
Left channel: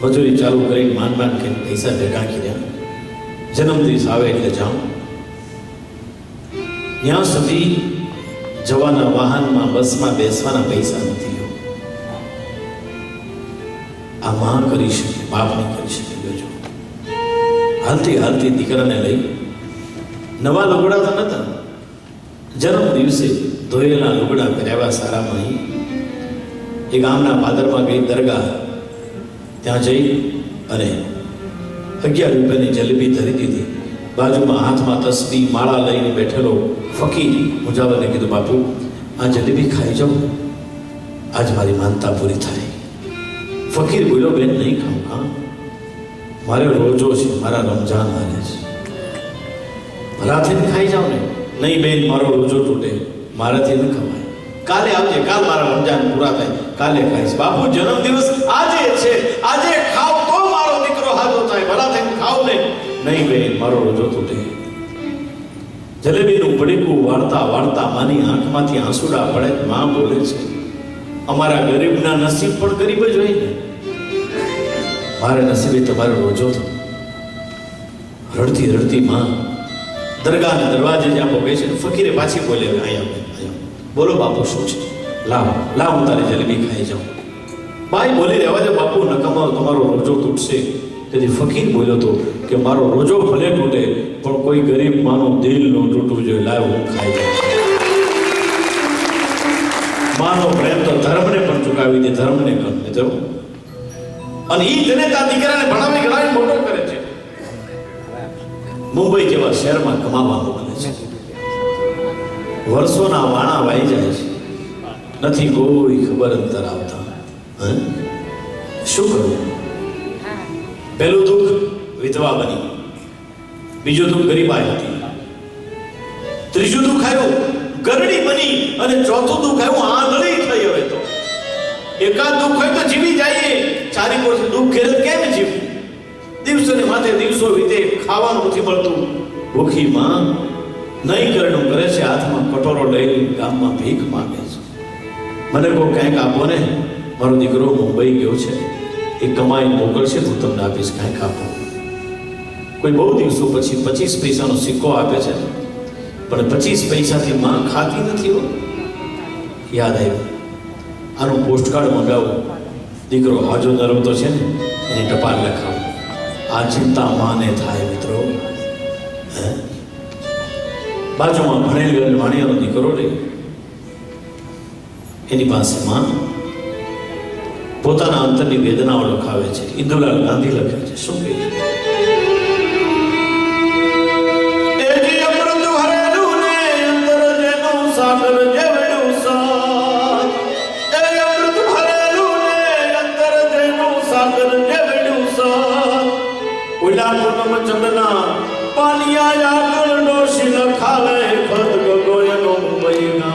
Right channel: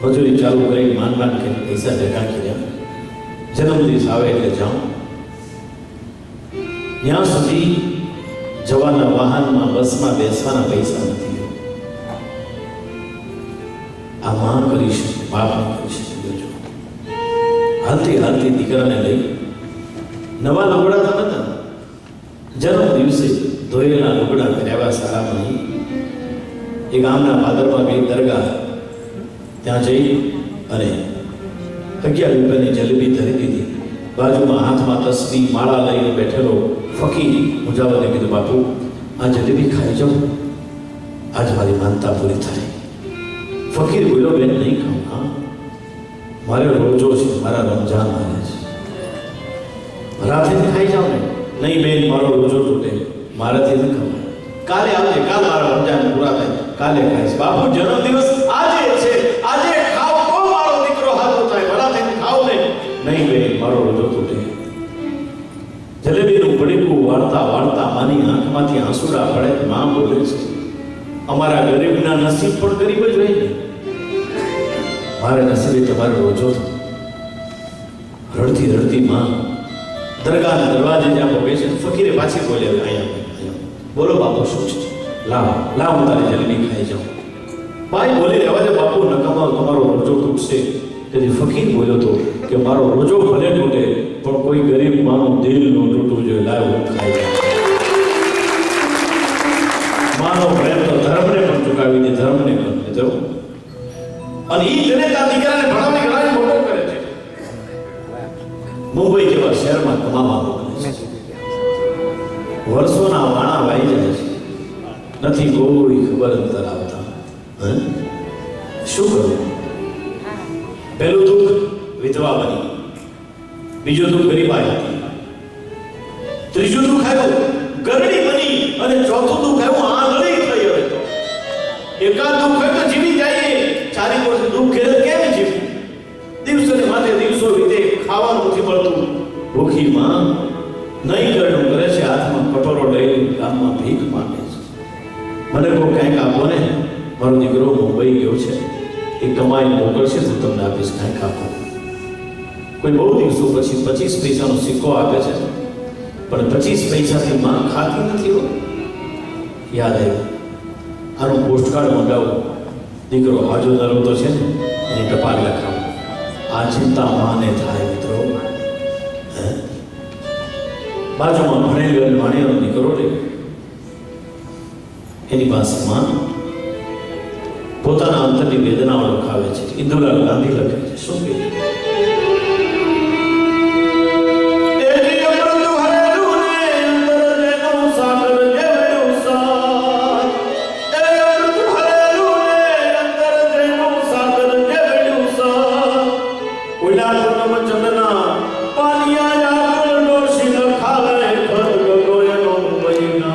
મજૂરી ચાલુ કરી માન કે પૈસા ભેગા કર્યા. જન્મદિવસ આવે એટલે જાઉં. ત્યાં સુધી જવાના વાહનમાં બસમાં બેસવાના પૈસા નથી. આ માં કરી શકે, બાપ નહીં કરી શકે. જો હાલતી હાલતી દીકરાને લઈ, નવા લુગડા તો નતા, જન્મ દિવસે ધોયેલા લુગડા પહેર્યા સારામાં એ ગામના પાદરમાં ગઈ દરગાહ. ત્યાં જઈ અને 11 રૂપિયાની જલેબી ધરી દીધી. બાજુમાં હાથમાં તસ્બી માળા લઈને બેઠેલો ફકીર મુજાવરને કીધું, બાપુ આ જલેબી ખાઈ જાઉં, આજ મારી માનતા પૂરી થાય. ફકીર બોલ્યો, બેન નહીં ખાઉં. હા, મારે રોજો છે, મારા રમજાન આવે છે, મારાથી ખાઈ જાઓ ને. નહીં બેન, મારો રોજો તૂટે, મારાથી ન ખવાય. કાલે આવજે, કાલ મારા રમજાન પૂરા થાય, કાલે ખાઈશ. બાપુ જન્મદિવસ આજે છે, આજે ખાવ તો મારો દીકરો હાજો થાય, મારાથી ખાવ ને. નહીં બેન, મારો રોજો તૂટે. જલેબીનું પડીકું વાળતા વાળતા માની આંખમાંથી આંસુડા પડે. માં બોલે છે, અમારા ગરીબના નસીબ પણ ગરીબ જ હોય ને. મારે નસીબે તમારો રોજો થયો. રડતી રડતી માં દરગાહના દરવાજે જ્યાં પગે છે, ફકીરે પાછી બોલે, અહીંયા બોલો બાપુ શું છે? લાવ લાવ, હું તારી જલેબી ખાઈ જાઉં. બાઈ બોલી, રહેવા દે બાપુ, નકામો તમારો રોજો તૂટશે. તેથી ફકીર બોલ્યો તો કે મારો રોજો ભલે તૂટે પણ કોઈ ગરીબ માનું દિલ ન તૂટવું જોઈએ. લાવ, હું ખાઈ જાઉં. માનો પ્રેમ તો ધર્મને પણ ચૂકાવી દે, ધર્મને ગમે તો. અને ઈ જનેતા દીકરાને ભણાવી ગણાવી મોટો કરે છે. મુંબઈ જેવા શહેરમાં કમાવા મોકલે છે. વર્ષોના વાણા વાઈ જાય છે, નથી કોઈ ખબર અંતર આવતા. શું કરવું? પહેલું દુઃખ વિધવા બની, બીજું દુઃખ ગરીબાઈ હતી, ત્રીજું દુઃખ આવ્યું ગરડી બની, અને ચોથું દુઃખ આવ્યું આંધળી થઈ. હવે તો એકાદ દુઃખ હોય તો જીવી જઈએ, ચારી વર્ષ દુઃખ ઘેર કેમ જીવવું? દિવસો ને માથે દિવસો વીતે, ખાવાનું નથી મળતું. ભૂખી માં નહીં કરણું કરે છે, હાથમાં કટોરો લઈ ગામમાં ભીખ માંગે છે. મને કોઈ કંઈક આપો ને, મારો દીકરો મુંબઈ ગયો છે, એ કમાઈ મોકલશે તો તમને આપીશ, કંઈક આપો. કોઈ બહુ દિવસો પછી 25 પૈસાનો સિક્કો આપે છે, પણ 25 પૈસાથી માં ખાતી નથી હો. યાદ આવ્યું, આનું પોસ્ટકાર્ડ મંગાવું, દીકરો હાજો નરવતો છે ને એની ટપાલ લખાવું. આ ચિંતા માને થાય મિત્રો. બાજુમાં ભણેલી વાણિયાનો દીકરો રે, એની પાસે માં પોતાના અંતરની વેદનાઓ લખાવે છે. ઇન્દુલાલ ગાંધી લખે છે, શું કહે છે? ચંદના પાનિયા યા ડોશી ન ખાલે ખદ ગોયનો મહિના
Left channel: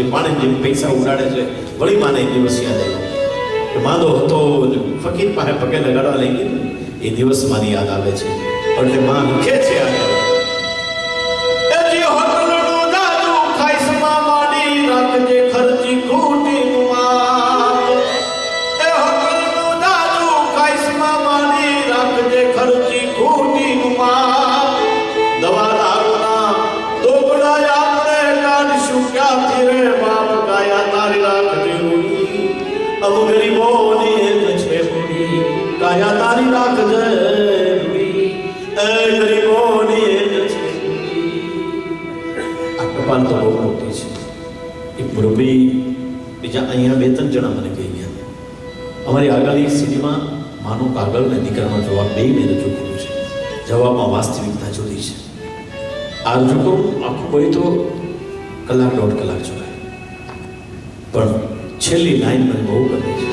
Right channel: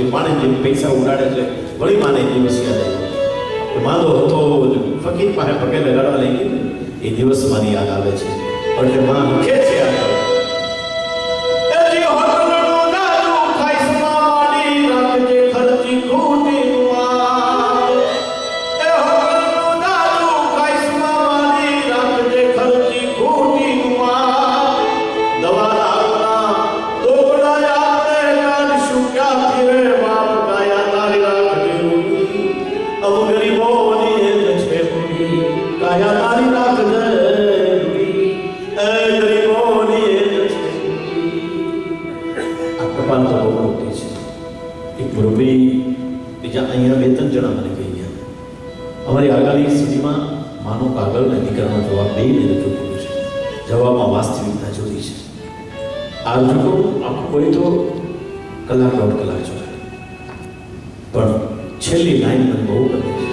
છે, પાણી જેમ પૈસા ઉડાડે છે. વળી માને દિવસ યાદ આવ્યો કે માંદો હતો, ફકીર પાસે પગે લગાડવા લઈ ગઈ ને, એ દિવસ મારી યાદ આવે છે. એટલે માં લખે છે આગળ, બીજા અહીંયા 2-3 જણા મને કહી ગયા, અમારી આગળની સિટીમાં માનો કાગળ ને દીકરાનો જવાબ બેયને રજૂ કર્યું છે. જવાબમાં વાસ્તવિકતા જુદી છે. આ રજૂ કરું આખું કોઈ તો કલાક 1.5 કલાક જોડાય, પણ છેલ્લી લાઈન મને બહુ ગમે છે.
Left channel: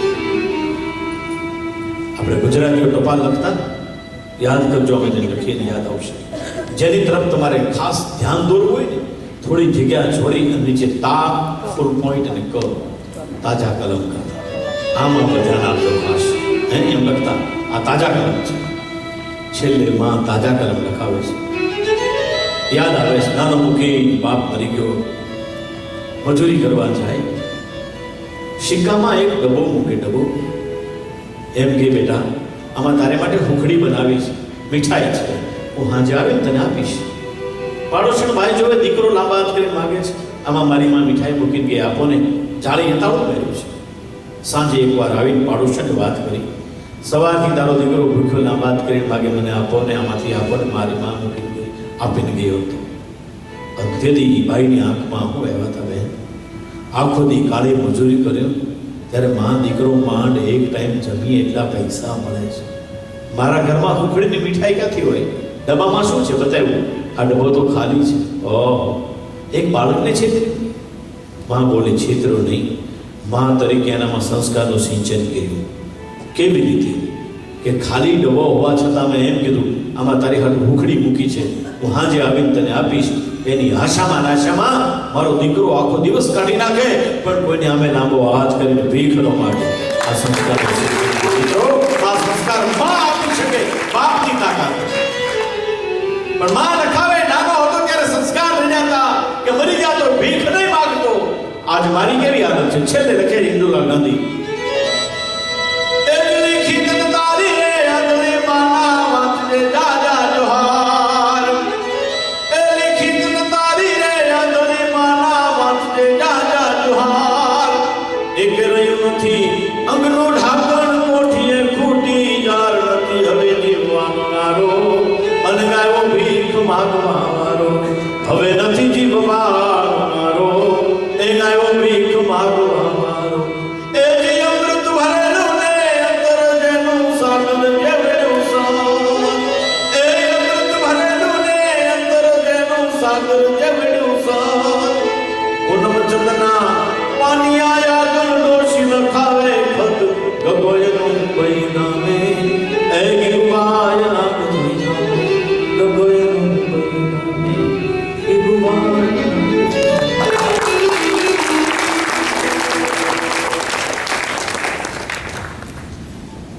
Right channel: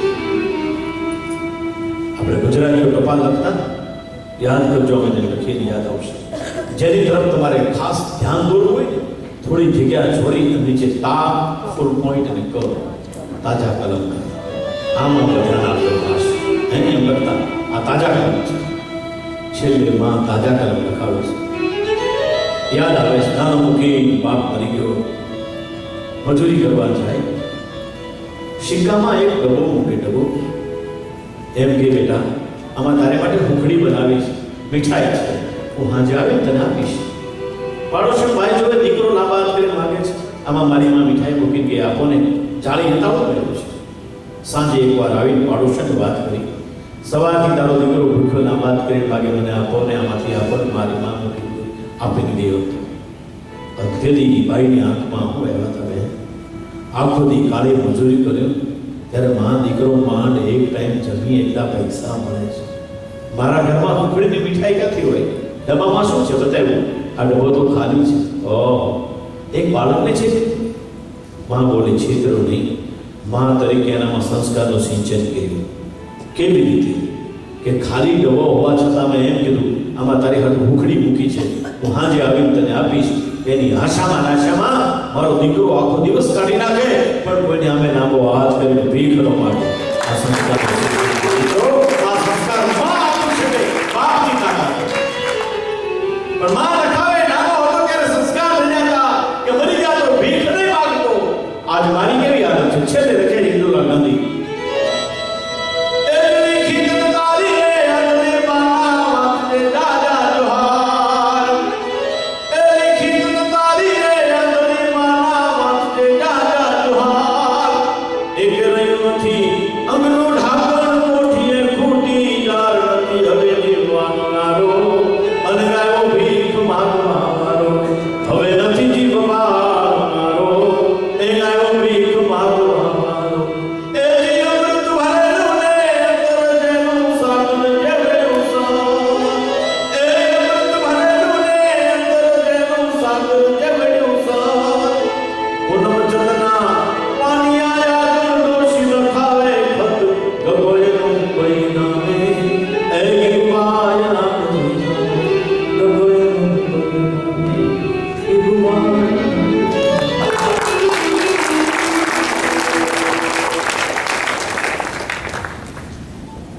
આપણે ગુજરાતીઓ ટપાલ લખતા યાદ કરજો, અમે જે લખીને યાદ આવશે. જેની તરફ તમારે ખાસ ધ્યાન દોરવું હોય ને, થોડી જગ્યા છોડી નીચે તા ફૂલ પોઈન્ટ અને ક તાજા કલમ કરતા, આમ આપણે ધ્યાન આપજો ખાસ. એને એમ લખતા આ તાજા કલમ છે, છેલ્લે માં તાજા કલમ લખાવે છે. યાદ આવે છે, નાનો મૂકી બાપ મરી ગયો, મજૂરી કરવા જાય, સિક્કામાં એક ડબ્બો મૂકે. ડબ્બો એમ કે બેટા આમાં તારે માટે હુખડી બનાવી છે, મીઠાઈ છે, હું હાજે આવીને તને આપીશ. પાડોશી ભાઈ જોવે દીકરો લાંબા હાથ કરીને માગે છે, આમાં મારી માં મીઠાઈ મૂકીને ગઈ, આપો ને. જાળી હતાળું કર્યું છે. સાંજે એકવાર આવીને પાડોશીને વાત કરી, સવારથી તારો દીકરો ભૂખ્યો લાંબા હાથ કરીને માગે, મને આપો ને, આમાંથી આપો ને. મારી માં મૂકીને ગઈ, આપીને ગયો હતો. અંધેલી બાઈની આંખમાં હું આવ્યા હતા બેન. આખો દી કાળી મજૂરી કર્યો, ત્યારે માં દીકરો માંડ એક ટાઈમ જમીએ એટલા પૈસા મળે છે. મારા ઘરમાં હુખડીની મીઠાઈ ક્યાંથી હોય? ડબ્બામાં શું છે બતાવ્યું, આ ડબ્બો તો ખાલી છે. ઓહ, એક બાળકને છે. માં બોલે છેતરો નહીં, માં તરીકે એનામાં સંસ્કારનું સિંચન કર્યું. કેવી રીતે? કે ખાલી ડબ્બો હોવા છતાં મેં એમ કીધું, આમાં તારી હાથ ભૂખડી મૂકી છે, હું હાજે આવીને તને આપીશ. એની આશામાં નાશામાં મારો દીકરો આખો દિવસ કાઢી નાખે, પણ કોઈને અમે લાંબો હાથ કરીને ભીખ ન માગે. આ સંસ્કાર આ સંસ્કાર માં આપી શકે, બાપની તાકાત. પણ માં લખાવે નાનો હતો ત્યારે સંસ્કાર લઈ જતા કે મરી ગયા તો ભીખ નહીં માંગતો. આજ મારી કેવી આદત છે? છેલ્લે લખે ઇન્દિરા ગાંધી,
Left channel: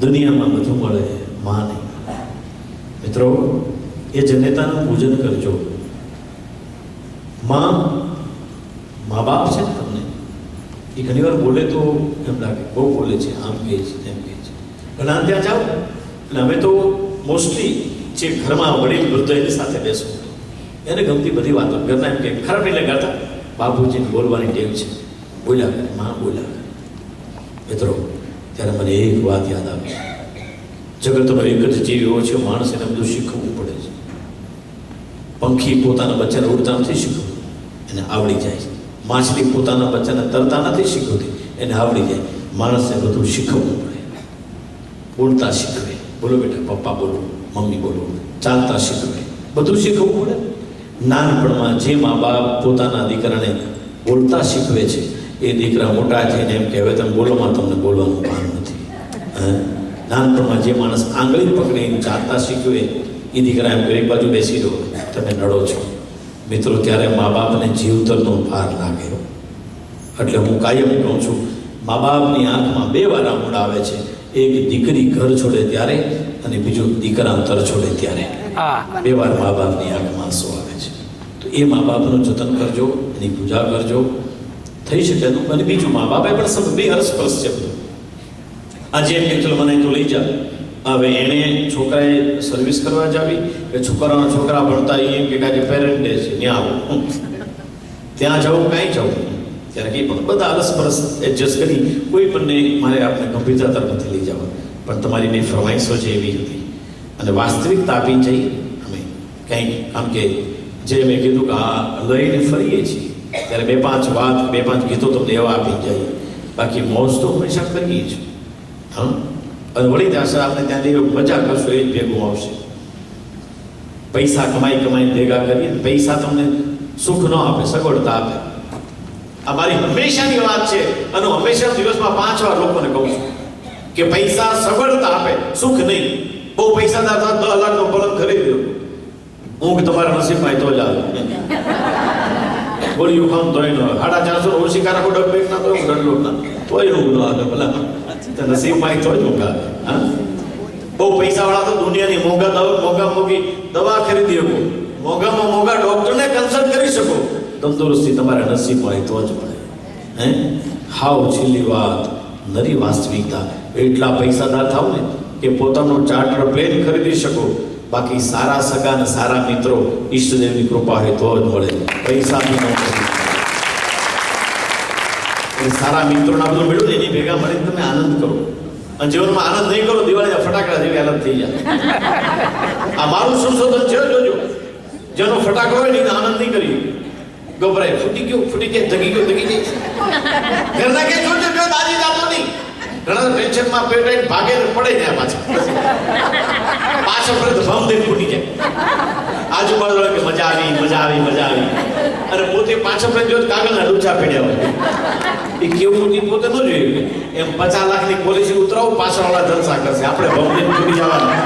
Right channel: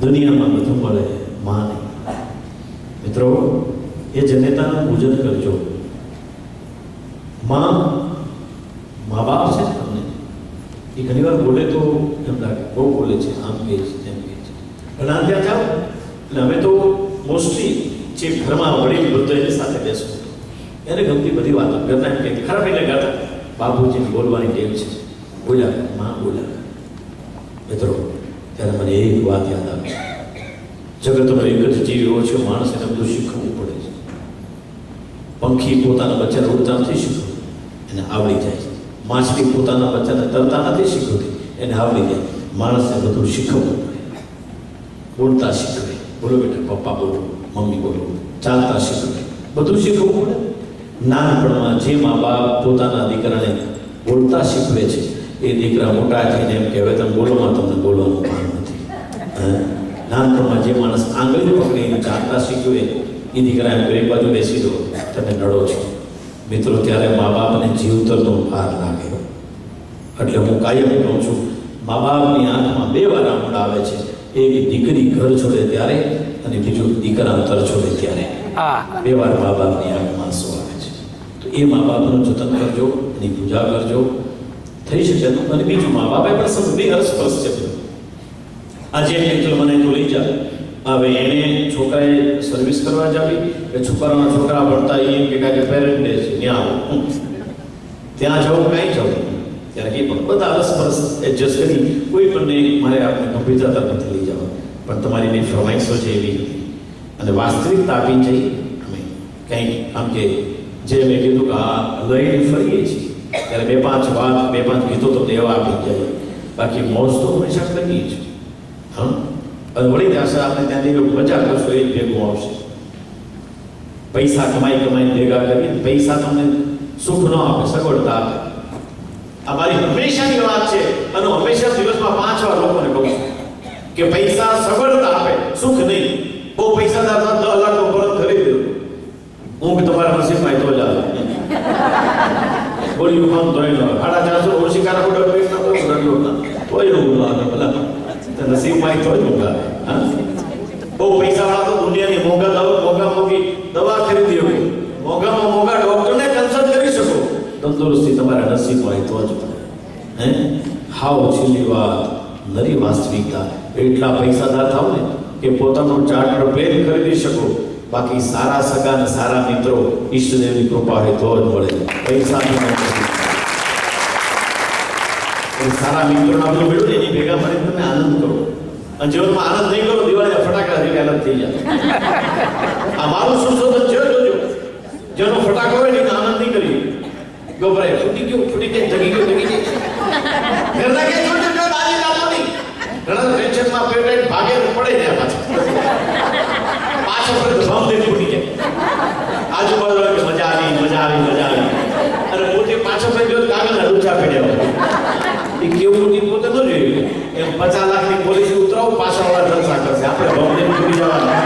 દુનિયામાં બધું મળે, માં નહીં. મિત્રો, એ જનેતાનું પૂજન કરજો. માં બાપ છે ને તમને, એ ઘણી વાર બોલે તો એમ લાગે બહુ બોલે છે, આમ કહે છે તેમ કહે છે. ઘણા ત્યાં જાઓ એટલે અમે તો મોસ્ટલી જે ઘરમાં વડીલ વૃદ્ધ એની સાથે બેસવું, એને ગમતી બધી વાતો ઘરના એમ કે ખરાબ એટલે ગાતા બાપુજીને બોલવાની ટેવ છે, બોલ્યા કરે, માં બોલ્યા કરે. મિત્રો, ત્યારે મને એક વાત યાદ આવી, જગતનો એક જ જીવ એવો છે, માણસ એને બધું શીખવવું પડે છે. પંખી પોતાના બચ્ચાને ઉડતા નથી શીખવતું, એને આવડી જાય છે. માછલી પોતાના બચ્ચાને તરતા નથી શીખવતી, એને આવડી જાય. માણસને બધું શીખવવું પડે. બોલતા શીખવે, બોલો બેટા, પપ્પા બોલો, મમ્મી બોલો, ચાલતા શીખવે, બધું શીખવવું પડે. નાનપણમાં જે મા બાપ પોતાના દીકરાને બોલતા શીખવે છે, એ દીકરા મોટા થઈને એમ કહેવાય તમે બોલોમાં તમને બોલવાનું ભાન નથી. નાનપણમાં જે માણસ આંગળી પકડીને ચાલતા શીખવે, એ દીકરા એમ એક બાજુ બેસી દો, તમે નડો છો. મિત્રો, ત્યારે મા બાપને જીવતરનો ભાર લાગે. એટલે હું કાયમ કહું છું, મા બાપની આંખમાં બે વાર આંસુ આવે છે. એક દીકરી ઘર છોડે ત્યારે અને બીજું દીકરા અંતર છોડે ત્યારે. બે વાર મા બાપની આંખમાં આંસુ આવે છે. તો એ મા બાપનું જતન કરજો, એની પૂજા કરજો, થઈ શકે તો. અને બીજું, મા બાપે પણ સબ બે હરસપરસ છે. આજે એમ કે ચલો મને તું લઈ જા. હવે એને છોકરાએ સર્વિસ કરવા જાવી કે છોકરાના છોકરા ભણતા એમ કે કાંઈ પેરેન્ટ ડે છે ત્યાં આવું, ત્યાં જવું કાંઈ જવું, ત્યારે કંઈ પણ બધા અરસપરસ એડજસ્ટ કરી કોઈ પણને મારે આપણે ગંભીરતા તરફ નથી લઈ જવા, પણ તમારી બે ફરમાઈશો છે એવી હતી અને વાસ્તવિકતા આપી જઈ અમે કંઈક. આમ કે જે મેં કીધું કે આ લઈને ફરીએ છીએ ત્યારે બે પાંચ ગીતો તમને એવા આપી જાય, બાકી મોજ તો હંમેશા કરીએ છીએ. હા, અને વળી ત્યાં આપણે ત્યાં જઈને મજા કરશો એ જ ભેગું આવશે. પૈસા કમાઈને ભેગા કરીએ, પૈસા તમને સુખ ન આપે, સગવડતા આપે. આ મારી હંમેશાની વાત છે અને હંમેશા દિવસમાં 5 વાર લોકોને કહું છું કે પૈસા સગવડતા આપે, સુખ નહીં. બહુ પૈસાદાર હતા 10 લાખનો પલંગ ખરીદી દો, ઊંઘ તમારા નસીબમાં તો જ આવે. ગોળીઓ ખામ તોય ન આવે, 450 ઓછી કારકો ડબેક ના તો ડંડો ના તોય ઊંઘ ન આવે. ભલા નસીબમાં તો જ ઊંઘ આવે. હા, બહુ પૈસાવાળા તો દુનિયાની મોંઘી દવા ખરીદી શકો, મોંઘામાં મોંઘા ડોક્ટરને કન્સલ્ટ કરી શકો. તંદુરસ્તી તમારા નસીબમાં હોય તો જ મળે. હે, હાવ છેલ્લી વાત, નરી વાસ્તવિકતા. એટલા પૈસાદાર થાવ ને કે પોતાનું ચાર્ટર પ્લેન ખરીદી શકો, બાકી સારા સગા અને સારા મિત્રો ઈષ્ટદેવની કૃપા હોય તો જ મળે. પૈસાની સારા મિત્રોના બધું મેળવું એની ભેગા મળીને તમે આનંદ કરો. અને જીવનમાં આનંદ નહીં કરો, દિવાળીના ફટાકડા જેવી હાલત થઈ જાય. આ મારું સંશોધન છે, જોજો. જેનો ફટાકો હોય ને આનંદ નહીં કરી, ગભરાય, ફૂટી ગયો, જગી ગયો. ઘરના કે જોજો જો દાદી જાતો નહીં. ઘણા ટેન્શનમાં પેટ ભાગે પડે ને પાછો ફરે ભમ દે ફૂટી જાય. આજુબાજુ કે મજા આવી અને પોતે પાછો ફરે જો કાગળના ડૂચા પડ્યા હોય. એ કેવું પોતે ન જોયું. એમ 50 લાખની પોલિસી ઉતરાવો, પાછળવાળા જલસા કરશે, આપણે ભમ દે ફૂટી જવાના.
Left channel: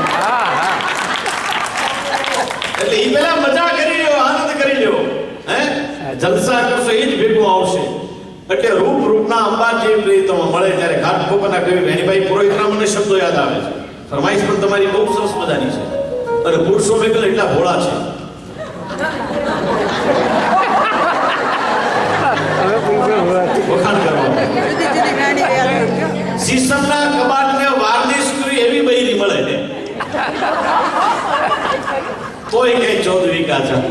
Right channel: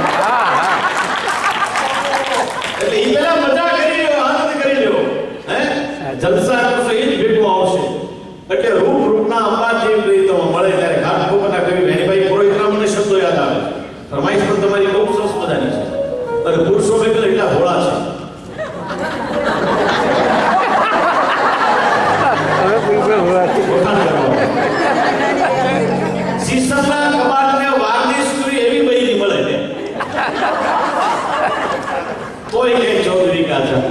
એટલે એ પેલા મજા કરી લ્યો, આનંદ કરી લ્યો. હે, જલસા કરશો એ જ ભેગું આવશે. એટલે રૂપના અંબા જે પ્રીતમ મળે ત્યારે ઘાટકોપરના કવિ વેણીભાઈ પુરોહિતના મને શબ્દો યાદ આવે છે. ફરમાઈશ પણ તમારી બહુ સરસ મજાની છે. અને પુરુષો મેં પેલા એટલા ભોળા છે. વખાણ કરવા સીસમના કબાટને વાર્નિશ કરી એવી બૈરી મળે ને તોય કઈ ચૌધરી કાચા.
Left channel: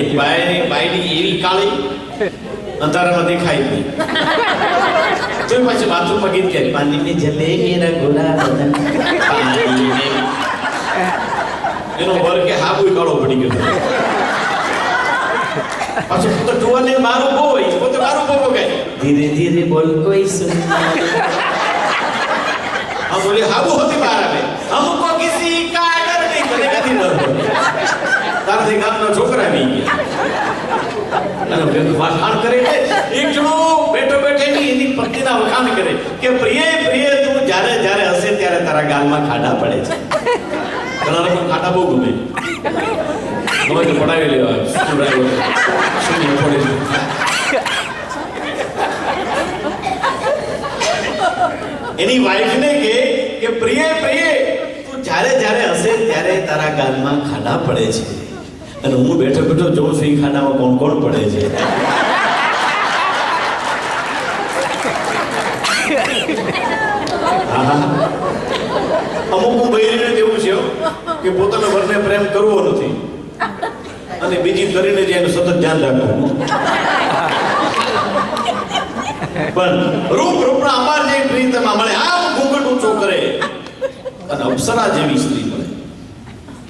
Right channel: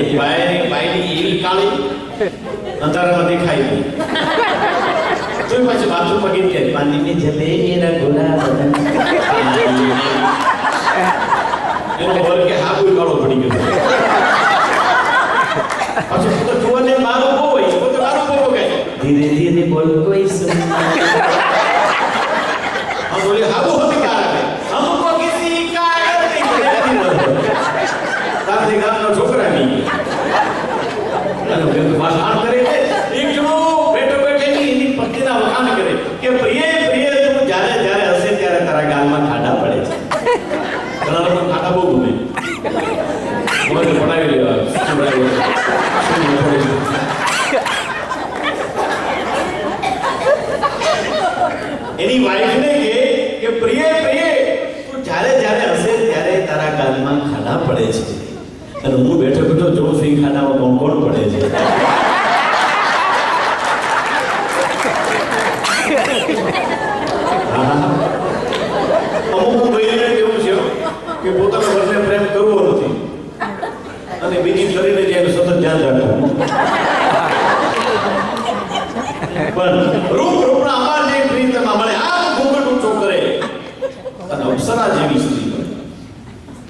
એક બાયની એવી કાળી અંધારામાં દેખાય નહીં. તો પાછું બાથરૂમમાં ગીત ગાય, પાણી ને જલે મેરા ગોલા બદન. એનો વર્ગ કે હા કોઈ કાળો પડી ગયો. પાછું પોતે ટુવાને મારું બહુ હોય, પોતે મારું બહુ ગાય, ધીરે ધીરે બોલ કોઈ સુન. હા બોલે હાબુ હોતી બહાર આવે, હમકો કિસી કા ડર નહીં, મને નથી ડર. તારથી ગામનો છોકરા આવી ગયા અને વખાણ કરે છે. એક જણો બેઠો એની પત્નીના વખાણ કરે કે પ્રિય તું જ્યારે હશે ત્યારે તારા ગાલમાં ખાડા પડે છે. ઘણા લોકો ખાડા બહુ ગમે, હવે તો પડાવી લેવા એની વાઈફને કે પ્રિય તું જ્યારે હશે ત્યારે તારા ગાલમાં ખાડા પડે છે. અને હું બેઠો જોઉં છું એ ખાડામાં કોણ પડે છે. અમુક બહેરીને એવું છે કે પોતાના વરને પ્રેમ કરવો નથી અને બીજી કરીને જે એનું સતત ધ્યાન રાખવું. પણ રૂપના અમાર જે પ્રીતમાં મળે આમ ઘૂંઘટ ઊંચો કરે અને અપ્સરા જેવી સ્ત્રી મળે.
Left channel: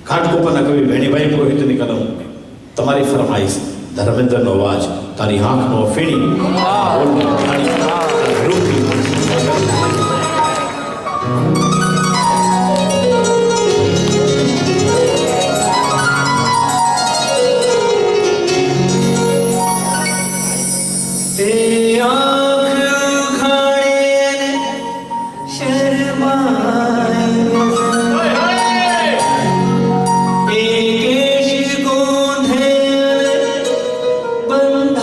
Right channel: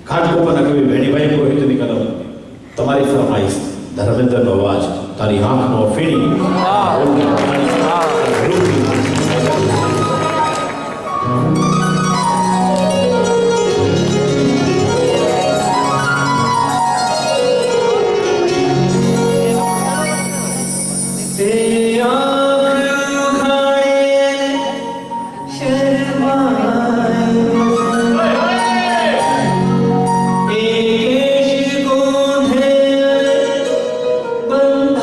ઘાટકોપરના કવિ વેણીભાઈ પુરોહિતની કલમ. તમારી ફરમાઈશ, ધર્મેન્દ્રનો અવાજ, તારી આંખનો ફીણી. બંધ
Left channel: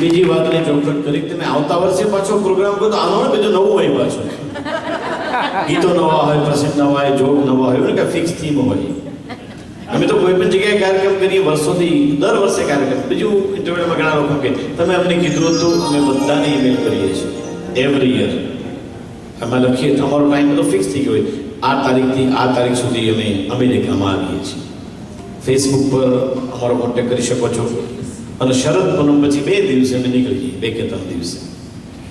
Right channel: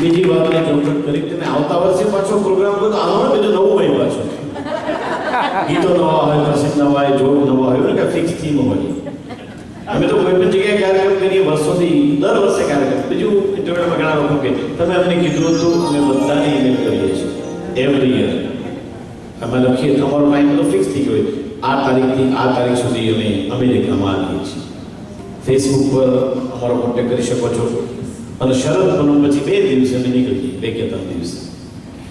બીજી વાતની ચોખવટ કરી તમે આવતા વર્ષે પાછો પ્રોગ્રામ કરો તો આનો બધું નવું હોય પાછું. ગીતો નવા હોય, પ્રસંગ નવા હોય, જોક નવા હોય, કે ફિક્સ થીમ હોય. અમે તો કોઈ પણ જગ્યાએ કાર્યક્રમ કરીએ વર્ષોથી, દર વર્ષે કાર્યક્રમ. બીજું ઇન્ટરવ્યુમાં ઘણા લોકો કહે તમે અમને કીધું હતું, અમે બધાને ઈમેલ કરીએ છીએ એવરી યર. અમે લખીએ તો અમારો ટાઈમ બધો ફિક્સ થઈ ગયો હોય, આ તારીખથી આ તારીખ સુધી અમે અમેરિકામાં આવીએ છીએ. ફેસબુક પર અમારો કોન્ટેક્ટ કરી શકો છો. અને શરદ પૂનમ પછી 2 દિવસે અમે નીકળી જઈએ, 2 કે 3 દિવસે.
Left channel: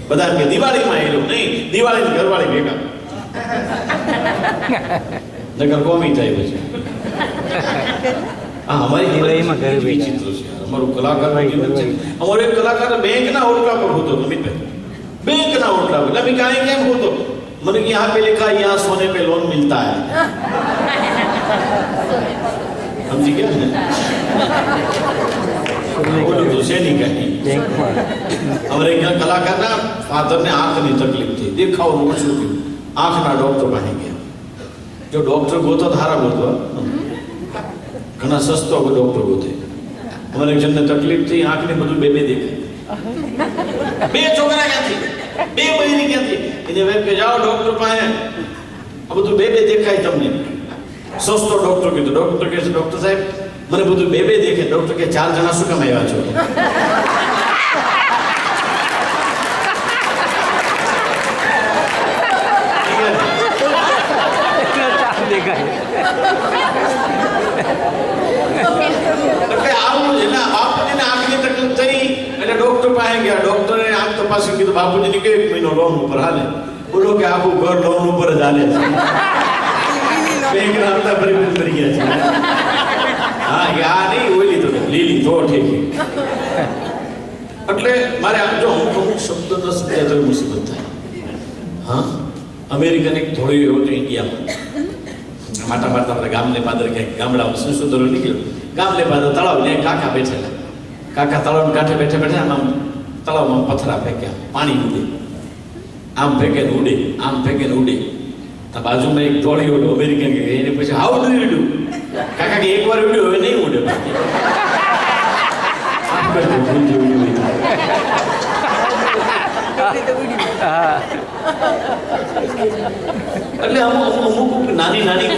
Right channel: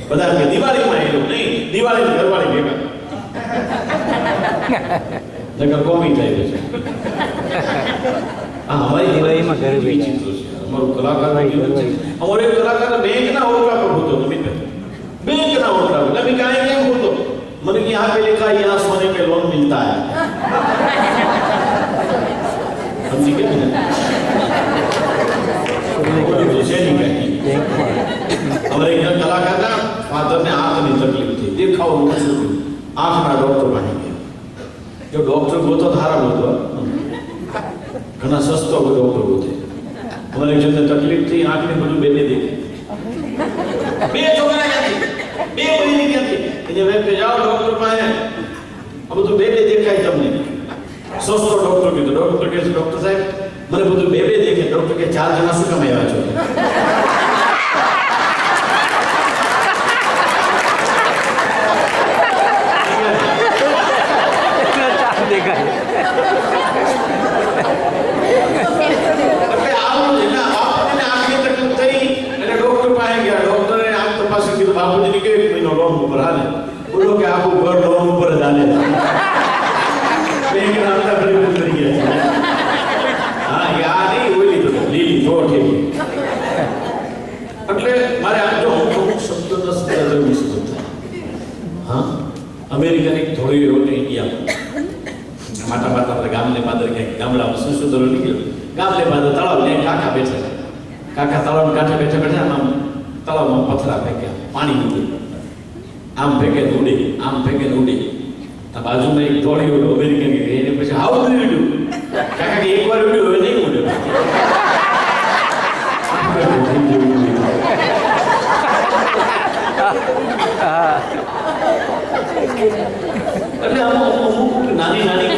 બધા કે દિવાળીમાં એ લોકો નહીં, દિવાળી ઘરવાળી ભેગા નકર કોમી થાય પછી. હા, અમારી દિવાળીમાં ઘરે વિચિત્ર છે. અમારું કલાકાર અમારો એક કલાકાર બેંકના ઓટલા પર હોતો, અમિતભાઈ બેંકના ઓટલા પર. અમે કાંઈ કેમ હોતો, મને કે यहाँ पे लिखा है यहाँ सोने पे लोन मिलता है. समझी क्या है? तो से नहीं कहीं हमारे यहाँ कलाकार ना फादर ने आंख में तकलीफ थी, देखा और ओछું થયું, આંખના ડોક્ટર પાસે ગયા. જો ડોક્ટર ગોતો ધારા ગોતો, ઘણા સસ્તો ડોક્ટર ગોતે. અમારે એક જણને તકલીફ થઈ, આંખને બધું બે દેખાય. 2 છોકરા ક્યાંથી, 2 બહેની ક્યાંથી, એને વેબ કે જાઓ ડોક્ટર પાસે, આ બધું બે દેખાય તમને. સસ્તો ડોક્ટર કીધું. ડોક્ટર કહે છે ડોક્ટર સાહેબ મને બધું બે દેખે. ડોક્ટર કે 4 જણા શું કામ આવ્યા છો? એટલે આવું છે ને, બાપુજીને આંખની તકલીફ થઈ એટલે ડોક્ટર પાસે ગયા. ડોક્ટરે આંખ તપાસી કીધું બાપુજીને કેવો 1 મહિનો લોન ઉપર હાલે. બોલો કે આખું ઘર લોન ઉપર જ હાલે છે. બેંકના હપ્તા ભરી કરી ગયા છે. હા, એ આ નહીં ઓલી તો લીલી તો ઠીક. એટલે મારે આમ જો અમુક શબ્દ ન સમજાય તો મુસીબત થાય. હા, અમેરિકન એક થોડી એવો તો ઇન્ડિયામાં માટા મારતા આપણે ગામને પાદર ક્યાંક ગામડામાં સંશોધનો નીકળ્યો. ગામને પાદર તળાવ ત્યાં કાકા બેઠેલા. કાકા તળાવના કાંઠે બેઠા બેઠા આમ તળાવમાં પથરા ફેંક્યા, પાણી ઉડે, આમ ફેંકે ને ઉડે, આમ ફેંકે ને ઉડે. તો બાજુમાં એક દોડી ઓલો અમેરિકન કે એને પછી હાઉ ડુ યુ ડુ? કાકા કે એકવાર ઉડ્યો હવે નહીં ઉડે. એટલે અમુક નાની નાની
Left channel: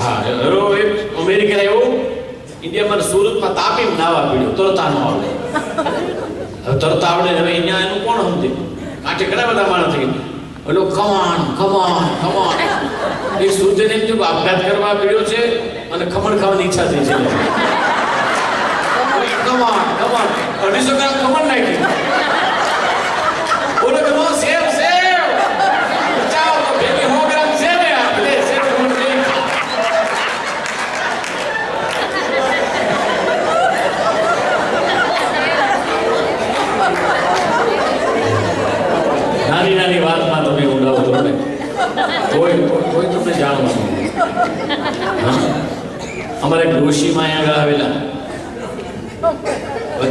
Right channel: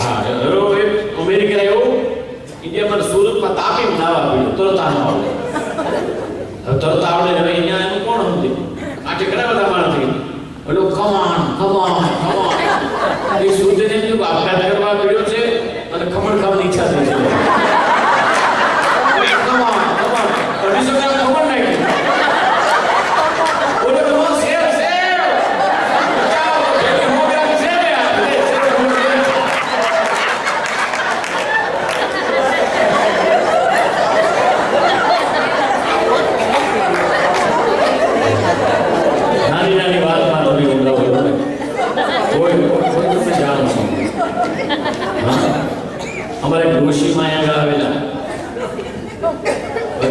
હા એરો એક અમેરિકા એવો ઇન્ડિયામાં સુરતમાં તાપી નાવા પીડ્યો, તરતા ન આવડે. હવે તરતા આવડે હવે અહીંયા એનું કોણ સમજે? કાંઠે ઘણા બધા માણસ થઈ ઓલો કમાન કમાન કમાન એ સુરતને એમ જો આપઘાત કરવા પીડ્યો છે અને ખમણ ખાવાની ઈચ્છા થઈ છે. કમાન કમાન 250 ગ્રામ ખમણ નાખી. બોલો કે નો સેવ સેવ ચાલો ભેગી 100 ગ્રામ સેવ આપે સેવ નાની નાની વાતમાં તમે ઉડાવો છો ને કોઈ તમને જાણો છો. હા, અમારે ડોશીમાં અહીંયા આવેલા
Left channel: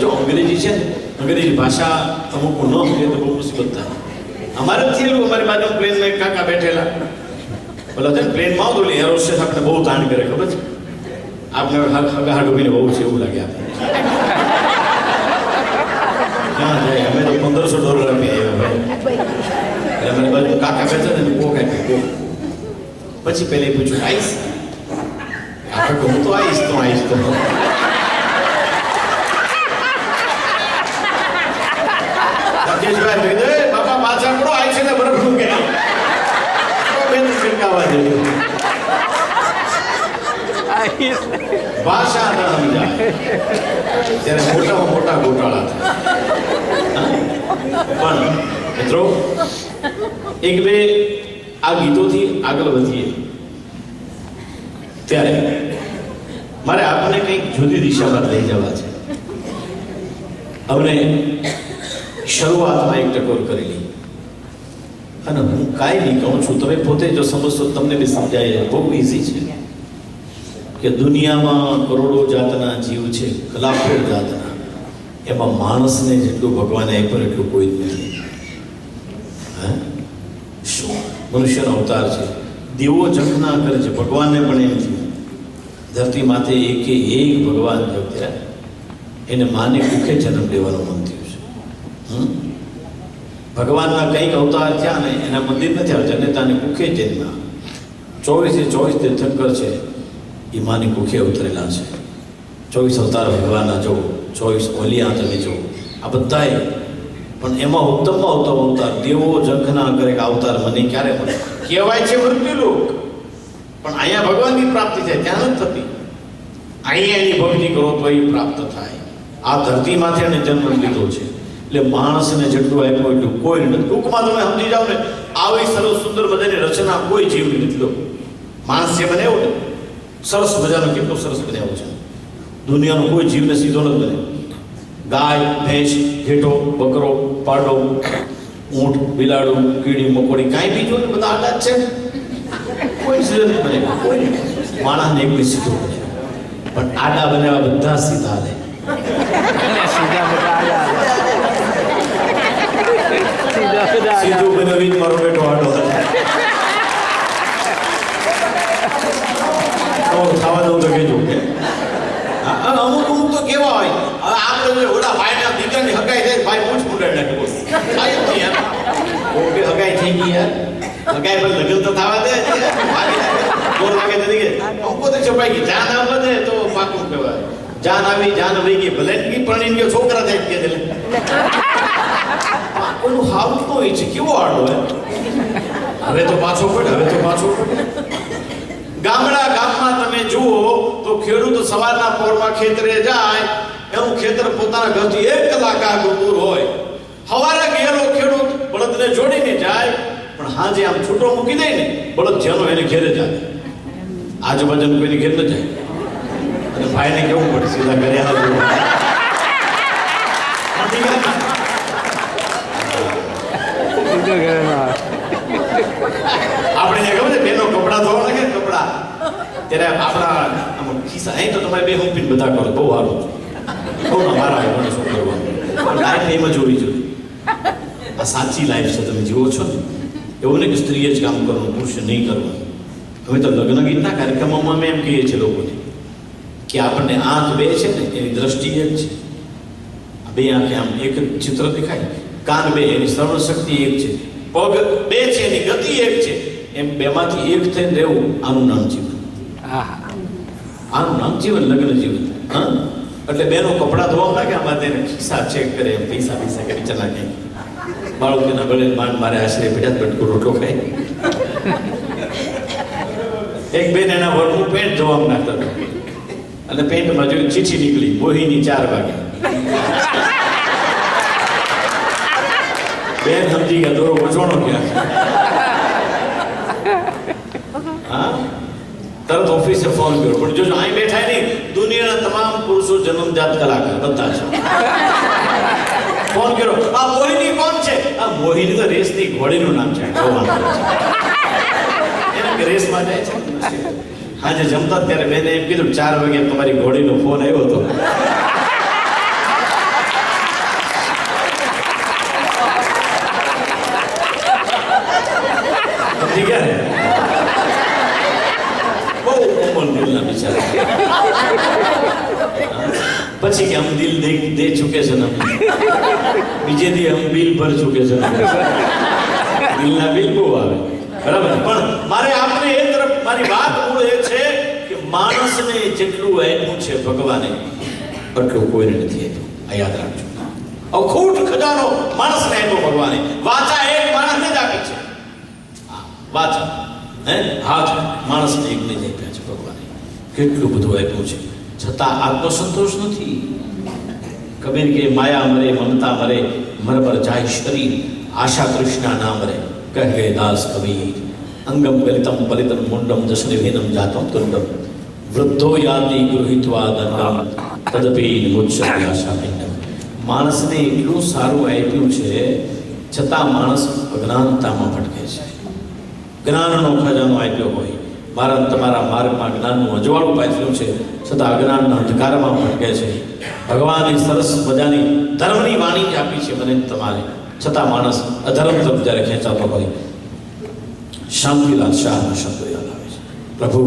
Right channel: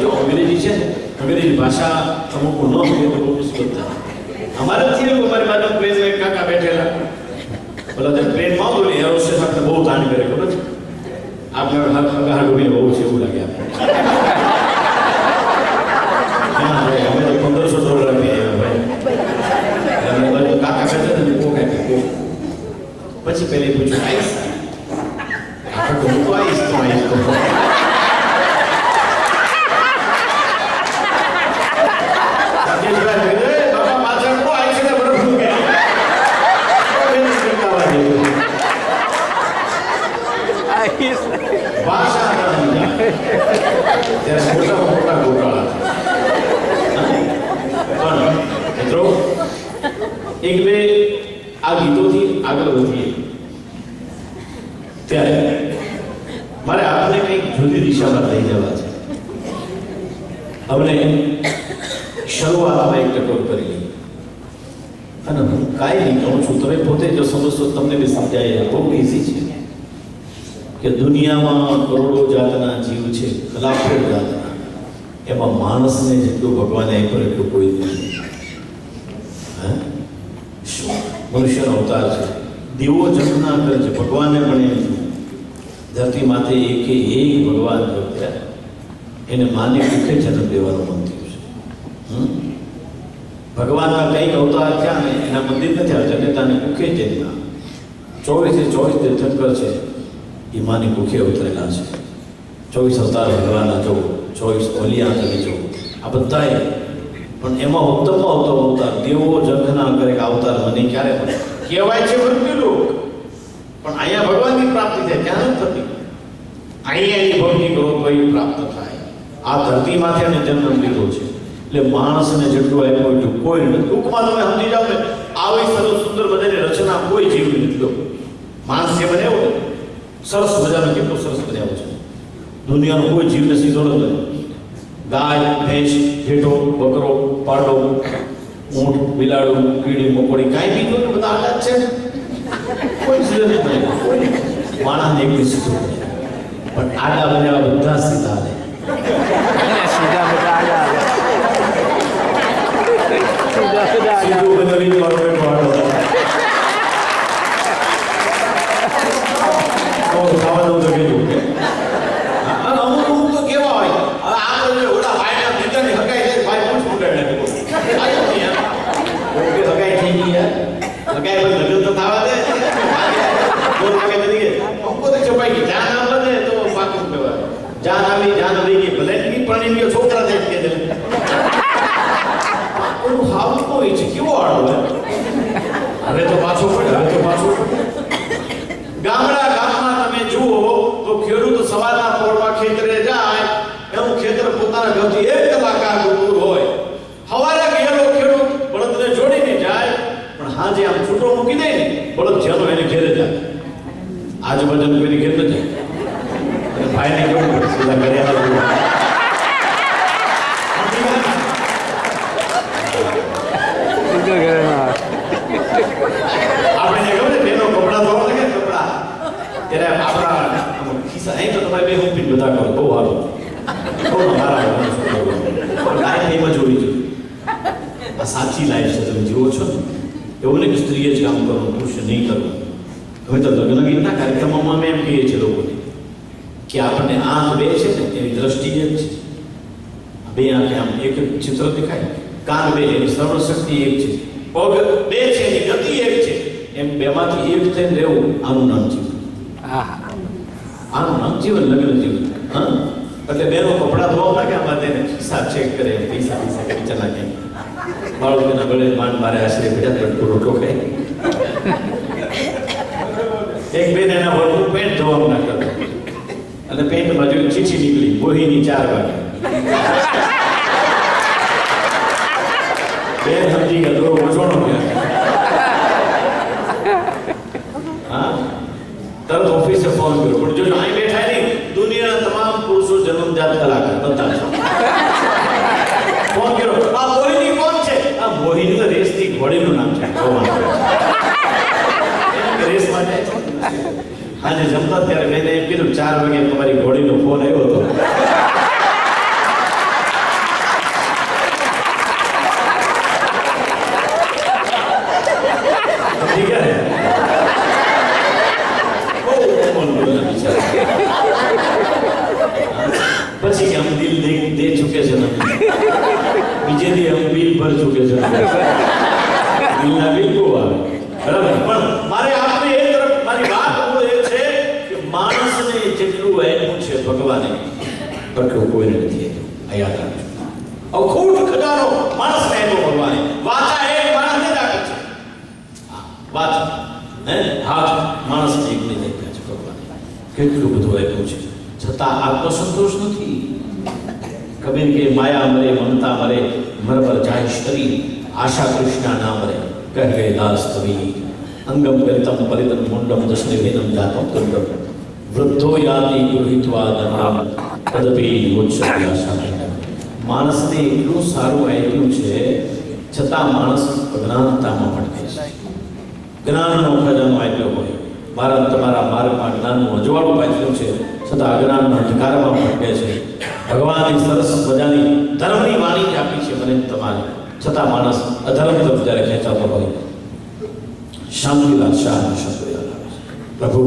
જો અંગ્રેજી છે ને, અંગ્રેજી ભાષા અમુક ન સમજે તો બહુ મુશ્કેલ થાય. અમારે થયેલું, અમારી બાજુ પ્લેનમાં એક કાકા બેઠેલા. બોલો તે પ્લેનમાં આવું તો એર હોસ્ટેસ આપણે બહુ તાણ કરે, ખબર છે? આપણે હાડ ઉભીને બહુ છે એવું લાગે આપણે. હા ભાઈ, અમે તો $1500 આપી આવ્યા ભાઈ. એટલે અમારી બાજુ કાકા બેઠા ને કોક આપી. પછી પહેલે પૂછ્યું આઈસ? કાકા કહું તો આઈસ તો આઈસ તો બાપા પાછળ પડો, આઈ છે ને બરફ નું કે ભાષા ત્યારે મોટામાં મોટા ગોટાળા. પણ મિત્રો એક બે આ ગીતોથી આગળ વધીએ ત્યારે મારે આપને કંઈક જુદી દિશામાં લઈ જવા છે. અમને શરૂઆતમાં એક ટકોર કરેલી અને હું કાંઈ નહીં કહું છું, તમે પોતે જો સમજશો તમને બી સમજાય. બહુ ઇઝી છે કે દુનિયામાં કરોડો જાતના જીવ છે, લાખો જાતના, એમાં માણસને જેટલું ભગવાને આપ્યું એટલું કોઈ જ નથી. હા, શું મનુષ્યનો અવતાર છે. દેવો જગના કરે છે, ભગવાનને પણ એમ થયું ધરતી માથે એકે એક ભગવાન થયા. એને માને કુખે જન્મ લેવાનું મન થયું છે. ભગવાનના કંઈક અવતાર થયા ને એના મંદિર નથી આવ્યા, જનેતાને કુખે જન્મ. 24 તીર્થંકર છે એ માની કુખે ઉતરેલા છે. 24 અવતાર ભગવાનના જો, 24 ઓલિયા તમે જો, આ બધાએ. પણ એમાં ઉત્તમમાં ઉત્તમ અવતાર દેવો જંખના કરે કે અવતાર મને ક્યારે મળે. કહેવાય છે મૃત્યુલોક, પણ અહીંયા ભગવાનની પ્રાપ્તિ થાય, ત્યાં નથી થતી. અહીંયા એની ભક્તિ કરો તો એ પ્રાપ્ત થાય. આ ધરતીમાંથી એને જન્મ લીધો છે, એટલે માણસને જેટલું આપ્યું એટલું કોઈ નથી. ટૂંકમાં તમે સમજી જાઓ ને, આવી સરસ સુંદર બધાની રચના કોઈ જીવની નથી. લો માણસ જે બનાવ્યો ને સરસ મજાનો, કેટલો સરસ બનાવ્યો છે. દુનિયાનો કોઈ જીવને સીધો ન બને. ગાય, ભેંસ, ઘેટો, બકરો, પાડો, ઊંટ, બિલાડું, કીડી, મકોડી, કાંઈ બીજું ને બધા આટલા જ છે. કોઈ સીધો નહીં બને, કોઈ માણસને એકલી સીધો બને. પણ આડા બન્યા બધા સીધા લે. સીધું બનાવી મારો બેટો આડો ખાવા દઉં તો કહેજો કે અમુક તો કેવા હોય. હવે આપણે ઓલા ભાઈના દીકરાની હગાઈ થાય, ભાઈ પૂછ મુંડાઈ નાખે. ઓકે હગાઈ થઈ ગઈ યાર, હગાઈ પર લગ્ન તો થવા દે. 4 વાગે તરીકે અંકો તો છપાઈ ગઈ. જાન આવે ને તો પાકું કહેવાય. જાન આવી, જાન વહી ગઈ, ભલે ગઈ પણ ગયો છોકરા થાય કે દે. ઓલું હાવ હોય છે, કેવો આડો હોય. હવે તો પાછો પડે, હવે તો પાછો પડે. ગામમાં તમે જુઓ તો ખેડૂત સવારના પોરમાં ખેતરે જાય, એનું ખેતર પોતાના ઘરથી 1 કલાક આગળ દૂર હોય. સવારે ગયેલો ખેડૂત બળદને જોડીને જાય, પણ હાજે આમ છૂટો મૂકી દે ને બળદ જેનો એને ઘેરે જાય. આજુબાજુ કોઈને ઘેર ન જાય. અને ભાઈને કેવું પડે, સીધા ઘરે આવે. આપણે ખબર છે બેનો કપડા ધોવા લાગે, કપડા ત્યારે આપણા ખિસ્સા અહીં તો તમારે બે હુંપીને બધા કરો, બહુ સારું. બહુ મારા શું કરવાનું, લાઈફ એમાં જોવી જોઈએ. આ સાચી લાઈફ છે, તમે જીવો છો ને. એવું નહીં કે સ્ત્રીએ જ કામ કરવાનું, પુરુષે નહીં કરવાનું. હવે તો લગ્ન ગીતના કાર્યક્રમોમાં અમે એમ કહીએ છીએ લોકોને કે આપણને આંખ બે છે ને એની દ્રષ્ટિ એક છે. બે આંખે આમ એક ચિત્ર દેખાય, કાન બે એની શ્રવણ શક્તિ એક છે, પગ બે છે એની ગતિ એક છે. એમ બેમાંથી એક થઈને રહેવું, આનું નામ જીવન. આનું નામ જીવન, લગ્ન જીવન. હા, એટલે બેનો કપડા ધોવા લાગે, આમાં તેને ખિસ્સા ચેક કરે, પૈસા કે વિચાર નાખે. બાળકોના ગળે માંડ મારે આશરે બેઠા બટકો રોટલો ખાય. એક બેન એના વર્ગનું પેન્ટ ધોવા નાખતા હતા, અને પેન્ટમાં જોઈ ચીઠી નીકળી, બોહીની 4 વાગે. બેન સમજી ગયા દોરો વચવાનો ક્યાં. હા, તરત ઓફિસે ફોન કર્યો. પણ જો અહીં બેઠા નહીં, દુનિયાના તમામ પુરુષો જન્મજાત કલાકાર બધા છે. ફોન કર્યો, આ મોહિની કોણ છે? આ મોહિની તો રેસની ઘોડીનું નામ છે. રેસ માટે આજે જમતા ત્યારે મેં એમ કીધું 4 વાગે તમારી ઘોડીનો ફોન આવ્યો હતો. પછી કે हम दिल दे चुके છે ને, બીજે દી हम बिल ભર ચુકે છે. દિલના બિલ બહુ આવે, બરાબર. પણ મારે આપણે એ તરફ મારી વાત મૂળ એ છે કે માણસને જેટલું આપ્યું છે ભગવાને એટલું કોઈને નથી આપ્યું. આ યાદ રાખજો. અખૂટ ખજાનો માણસને આપ્યો ભગવાને. વાચા એક માણસને જ આપી છે. વાચા હાથ માણસને એકને જ આપ્યા છે ભગવાને. કેટલું બધું આપ્યું છે, છતાં આત્મસંતોષ નથી. કબીર કે માયા મરે મમતા મરે, મર પર જાય શરીર, આશા કૃષ્ણા ના મરે. કહે ગયે દાસ કબીર, અંગમ ગલિતમ પલિતમ મુંડમ જસને ભેદમ જાતમ તુંડમ, વૃદ્ધો યાતિ ગૃહિત્વા દંડમ તદપી મુચ્છતિ આશા ભિન્નમ. માણસને એટલું સારું આપ્યું છે, છતાં માણસ અજ્ઞાનતામાં ભટકે છે. જ્ઞાનનો ખજાનો આપ્યો હોય, મારા તમારા માર્ગમાં જ્ઞાનનું અજવાળું પાથર્યું છે, છતાં અજ્ઞાનના અંધકારમાં ભટકે છે. ભગવાનની સરસ મજાની ધર્મની વાણી આપી છે મને તમારે, છતાં માણસ અધર્મ તરફ જ્યારે ખેંચાતો હોય. શાંતિલાલ શાહનો શબ્દ યાદ આવે છે, પ્રભુ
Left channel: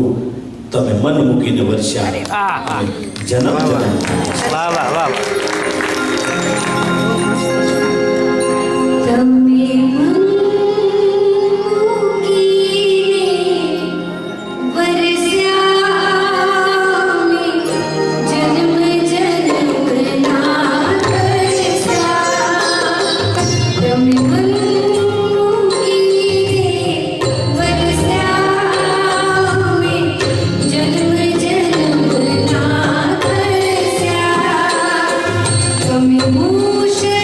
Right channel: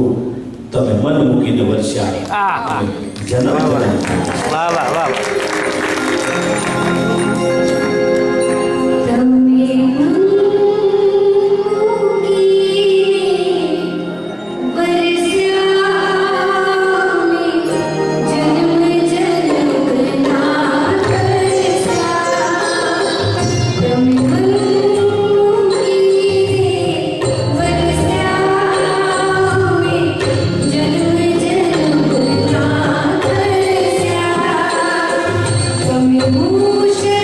તમે મન મૂકીને વરસ્યા, જન્મ જન્મ વાહ વાહ વાહ તમે મંગીને વરસ્યા જન્મ જન્મના કરસ્યા તમે મંગીને વરસ્યા જન્મ જન્મના કરસ્યા તમે મૂષળધારે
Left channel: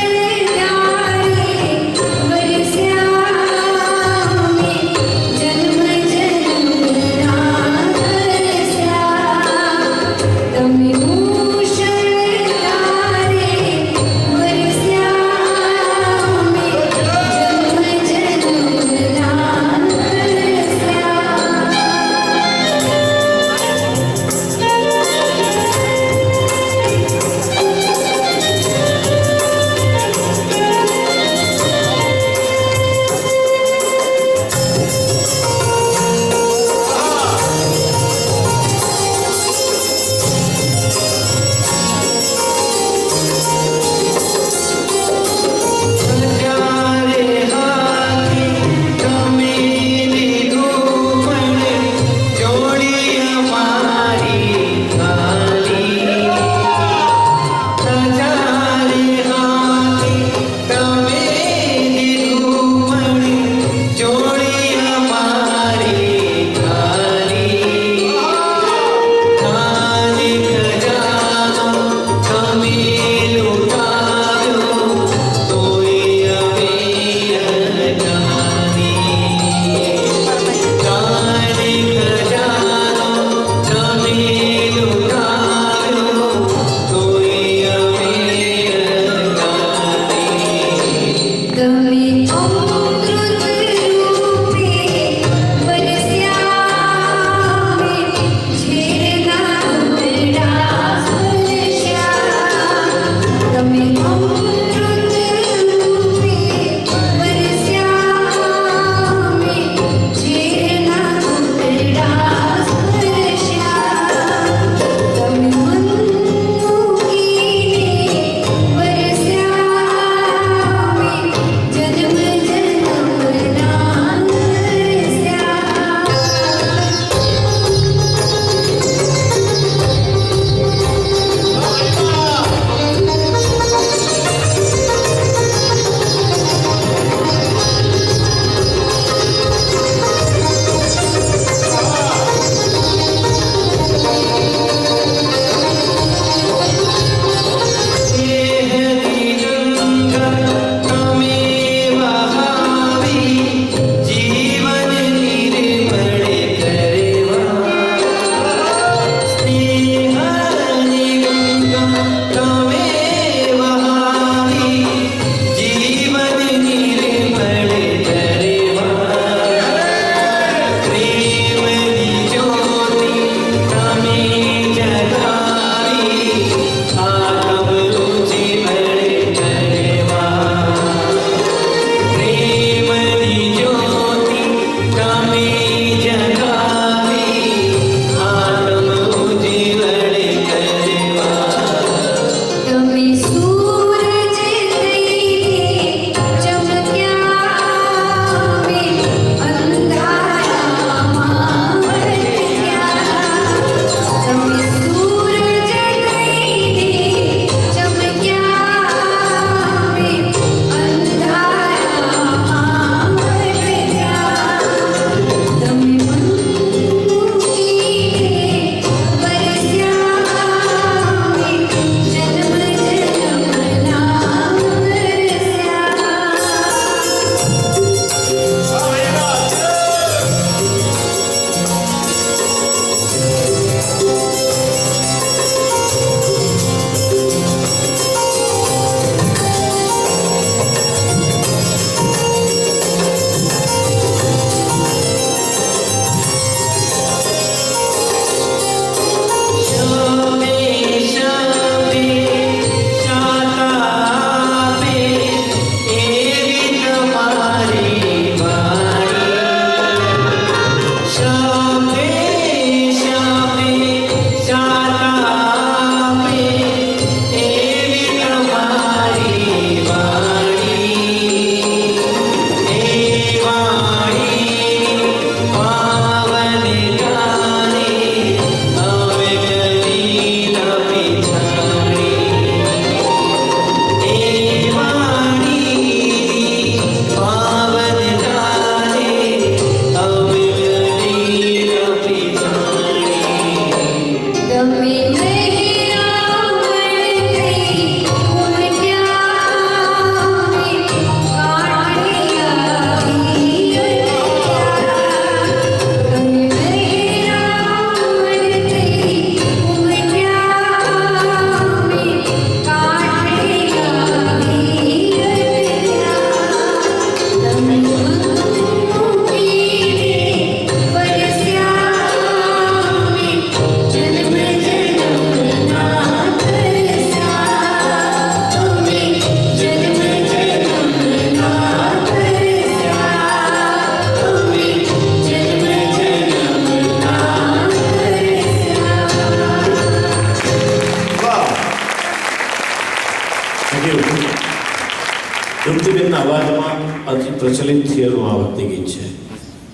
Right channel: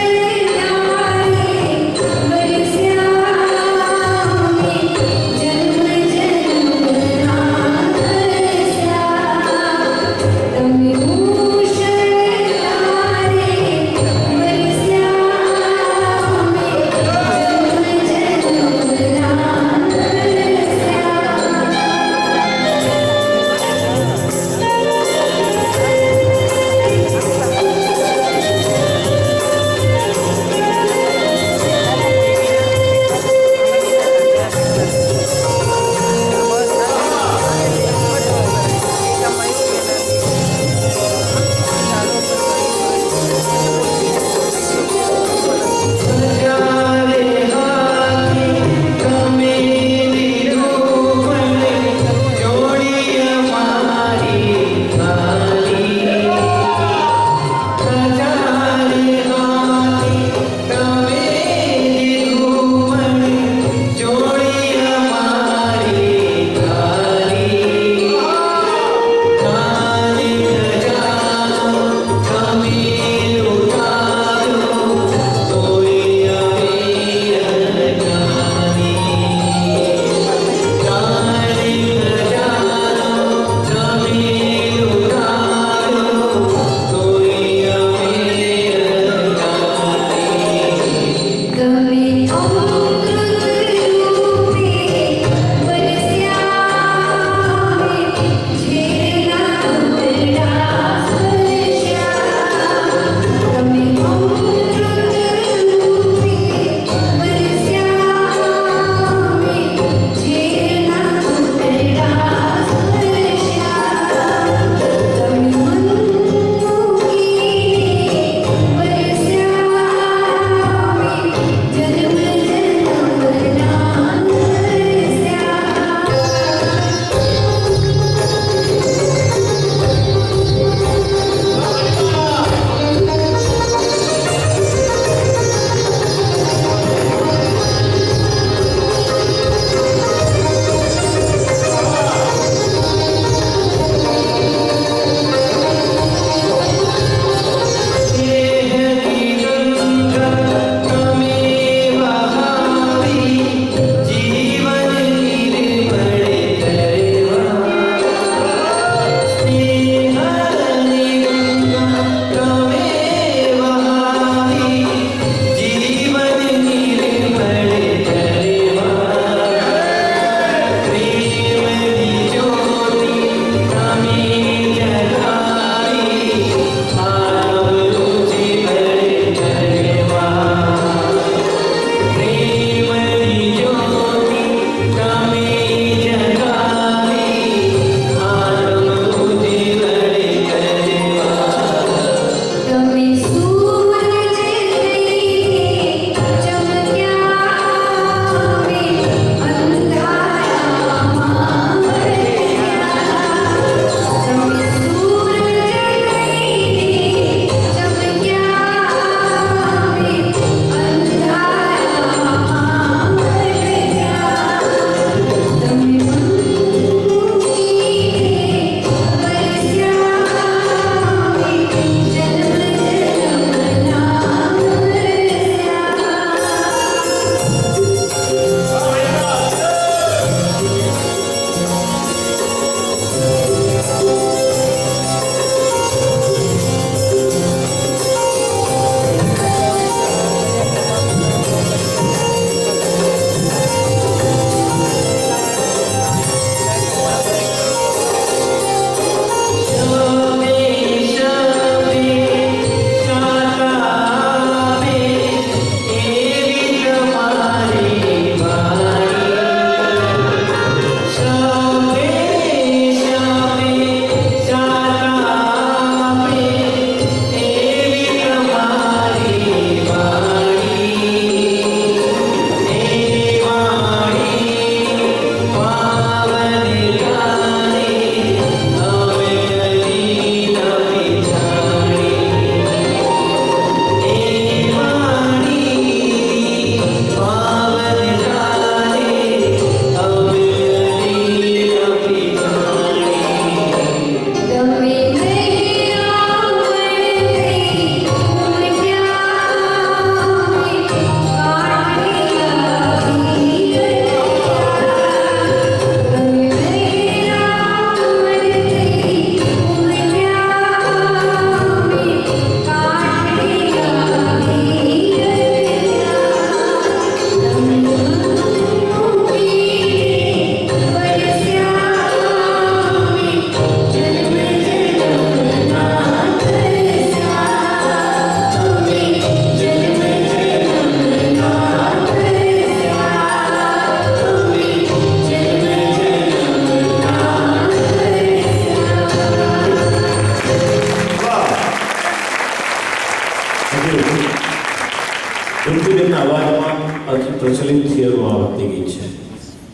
કુંતીબેનના અવાજમાં અતિ પ્રચલિત થયેલું આ ભક્તિ ગીત છે.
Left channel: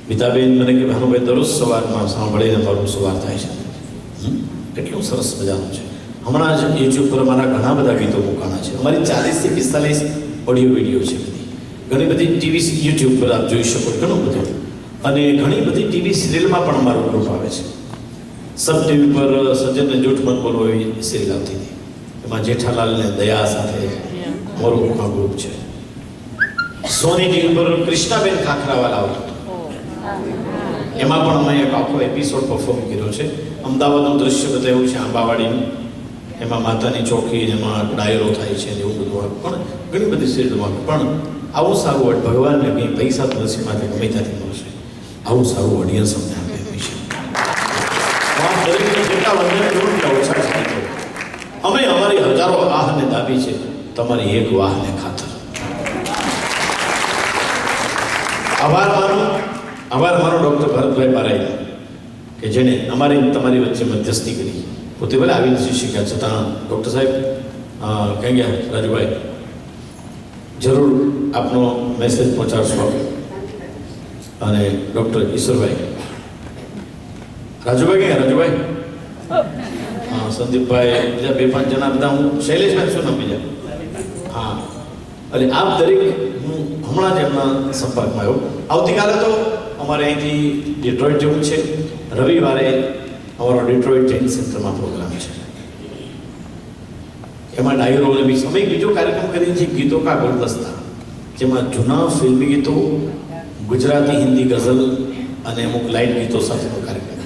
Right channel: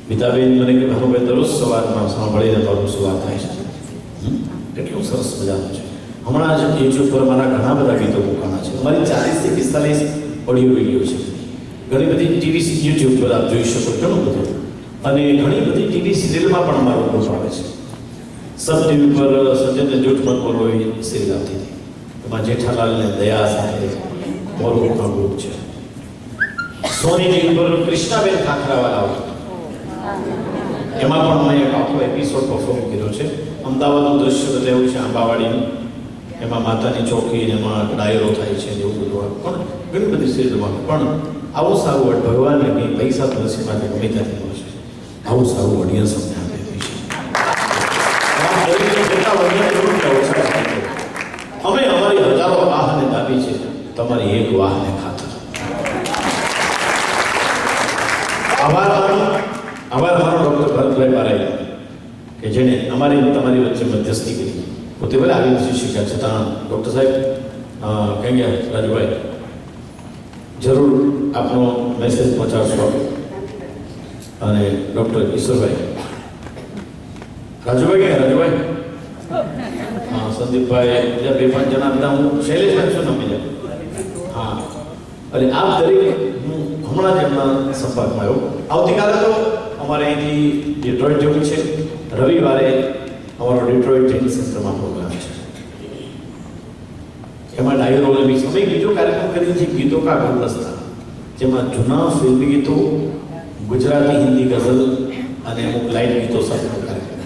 ગીતાબેન મને કે ભાનુભાઈ દરરોજ સવારમાં સાંભળીને મારું સવાર થાય છે. કેટલું સરસ મજાનું છે. હમણાં જ યુટ્યુબ પર મારા ઘણા બધા ગીતો મૂકાણા છે. અમારી 40 થી 45 ઓડિયો વિડીયો છે. ઘણી બધી ટીવી યુટ્યુબ પર આપ જોઈ શકો, ઘણું બધું. અને ઘણી બધી ટીવી સિરિયલમાં પણ મારું ગ્રુપ આવે છે. સબ ટીવી પર સજ્જનને જૂઠ મત બોલો એવી સિરિયલ આવતી હતી. એમાં જેઠાલાલને દયા સાથે મારું ગ્રુપ છે. સોની ટીવી પર કૃષ્ણાબેન ખાખરાવાલા આવતું, એમાં પણ મેં એક આખો એપિસોડ પરફોર્મ કર્યો છે. અમદાવાદનું દ્રશ્ય બતાવ્યું છે, આંબાવાડીનું. એમાં માતાની ચોકી, એમાં ડાયરો થાય છે, એવું બધું. પણ ઘણી બધી સિરિયલમાં પણ આવું સારું ભગવાનને કંઈ પૈસા તો નસીબમાંથી ગમે ત્યાંથી મળશે. આવું સારું ઓડિયન્સ અમને આપ્યું છે. જેટલા વંદન કરું એટલા ઓછા છે. અમે અમારી હજારો વાહને દાબી છે, તમારી એક વાહને ખાતર. આભાર મારો ડૉક્ટર ભરતભાઈ બારાઈ, કે જેણે અમારી તમારી વચ્ચે મધ્યસ્થી કરી. પોતે ભલે આવી નથી શીખ્યા છતાં ડૉક્ટર સાહેબ કહી ગયા, રાજુભાઈ જરૂર આપનો મેસેજ પહોંચાડશો. અને ડૉક્ટર ઈશ્વરભાઈ, રાજુભાઈ ક્યાં? રાજુભાઈ, હા, સંદીપભાઈ, બીજા 2-5 જણા બધા, હું શૈલેષભાઈ શું નામ બીજા? હા, એટલે આપ દરેક હું હમણાં જ એમના સંપર્કમાં આવ્યો. આવતીકાલે તો અમારે અહીંથી ડિટ્રોઇટ જવું છે. રવિવારે અમારો ડિટ્રોઇટ ટ્રેનિંગ સેન્ટરમાં પ્રોગ્રામ છે. એમાં ડાયરો અમે બીજો કાર્યક્રમ કરીએ છીએ, ગીતો કા ગુલદસ્તા, જેમાં જૂના ફિલ્મી ગીતો, ગુજરાતી હિન્દી ગઝલ અને અમુક લાઇટ ગીતો સાથેનો કાર્યક્રમ.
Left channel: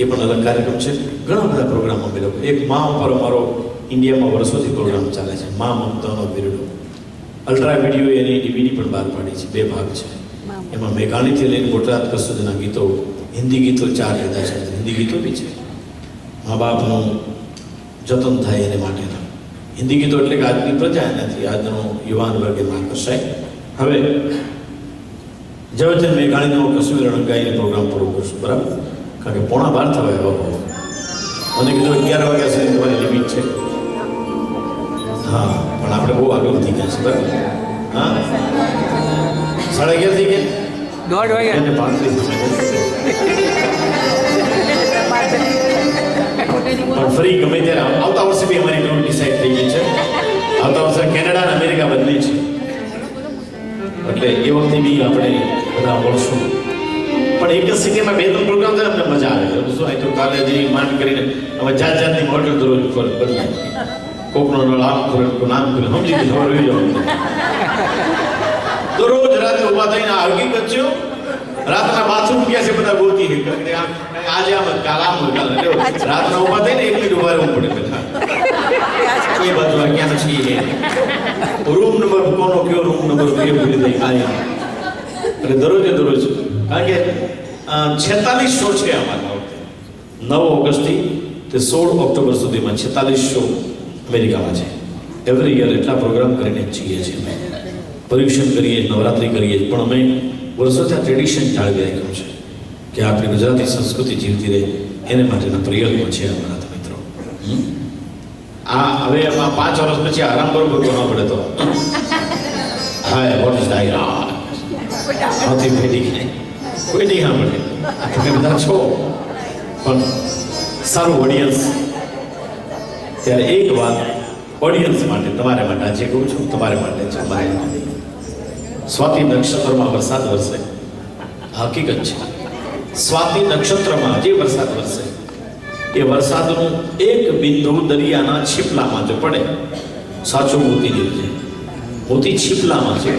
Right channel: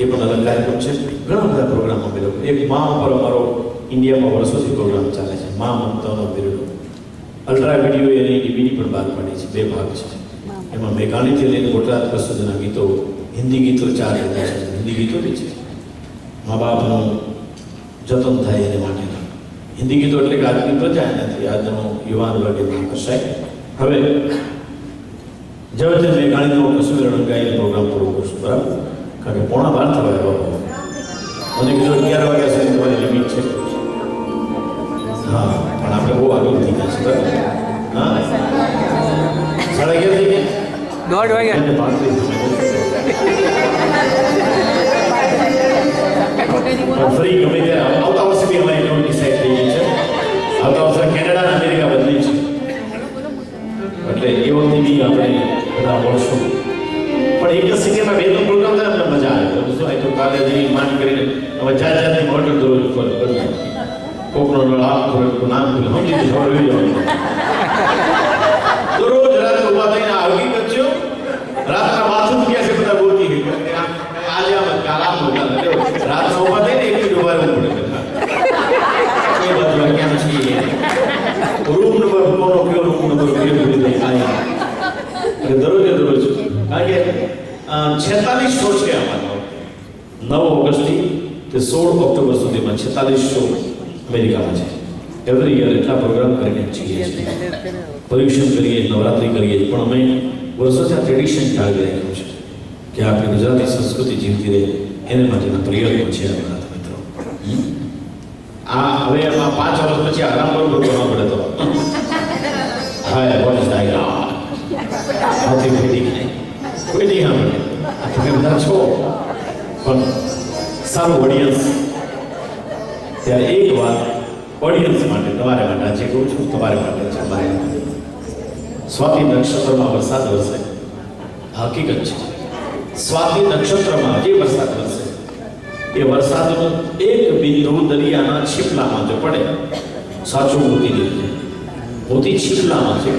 એ પણ અલગ કાર્યક્રમ છે. ઘણા બધા પ્રોગ્રામ અમે લોકો. એક મા ઉપર અમારો ઇન્ડિયામાં વર્ષોથી પ્રોગ્રામ ચાલે છે, મા મમતાનો બિરડો. અલ્ટ્રા વિડીયો એની ડીવીડી પણ બહાર પાડી છે. 2 ભાગ છે. એમાં મેઘાણીથી લઈને ગોટરાજ સુધીના ગીતો, હિન્દી ગીતો 4 લીધા છે. હિન્દી ગીતો બી છે, મા બાપનું જતન થાય એને માટેના હિન્દી ગીતો. એટલે કે આજની પ્રજા નથી, આજનો યુવાન વર્ગ એમાં આકર્ષાય. હવે જવચન મેઘાણીનો કશ્મીર રણગાઈને પ્રોગ્રામ પૂરો કરશું, બરાબર? કારણ કે 11:15 થવા આવ્યો. મને કીધું 11 વાગ્યા સુધી તમારી લિમિટ છે. હા, પણ આપણે બહુ આગળ થઈ ગયા છે, બરાબર? હા, 11:30 થઈ ગયા, 1:30 વાગ્યા. પણ ફરી ગમે ત્યારે આવતા વર્ષે બી અમારી ટૂર ડિસાઇડ થઈ ગઈ છે. આવતા વર્ષે કેનેડા અને અમેરિકા બદલી છે. એટલે એ વખતે બી આપણે બધા મળશું. પણ એક જ સિટીમાં 2-3 પ્રોગ્રામ થાય, અમને મજા આવે. શું આ તો કાલે જઈ માંડ કરીને હવે જાતની મોડલ દરરોજ બદલાય. કોકનો નળ આમ કરે, નામ કરે, સમજી ખબર હોઈ જવાનું. દરરોજ રાતે ઉભા થઈને આ હકીકત છે. રાતના માથું મૂક્યા છે બધા ગોતી. આજે આમ કાલ આમ રાતના ઉભા થઈને 1 મિનિટ ઉભા રહેવું પડે. એ બાજુ ક્યાં છીએ, રૂમ નંબર કોનો કયો રૂમ નંબર કયો ભૂલી દઈ ખાલી. એટલે દરરોજે દરરોજ, કારણ કે 46 શો છે અમારા. 9 ઓગસ્ટથી તે 16 ઓક્ટોબર સુધીમાં 46 શો અમેરિકામાં છે. એવરી યર એટલા પ્રોગ્રામ કરીને છીએ છીએ. પર્યુષણ કરીએ, નવરાત્રિ કરીએ, પણ અમે વર્ષોથી આ ટ્રેડિશન જાળવી રાખ્યું છે કે આપણી ગુજરાતી સંસ્કૃતિ જીવતી રહે. એને માટેના પ્રયત્નો છે અમારા મિત્રો. હવે એમાં 5 વર્ષ પછી આરામ બરોબર કરવા પડે તો હા, વોટ ઇઝ ડાયરા હાથી ફેટી કોઈ નહીં સાંભળે. તમે બધા છો, પણ સારું ઓડિયન્સ. ત્યારે એક વાત ઓડિયન્સ માટે, તમારે માટે આજે કહું છું, તમારે માટે છે. મારે સ્વાતિ નક્ષત્રમાં વરસાદ વરસે, હકીકત છે. સ્વાતિ નક્ષત્રમાં જે વરસાદ વરસે, એ વરસાદનું એક બિંદુ દરિયાના છીપલામાં જો પડે, સાચું મોતી નીકળે. મોતી છીપલામાં છે,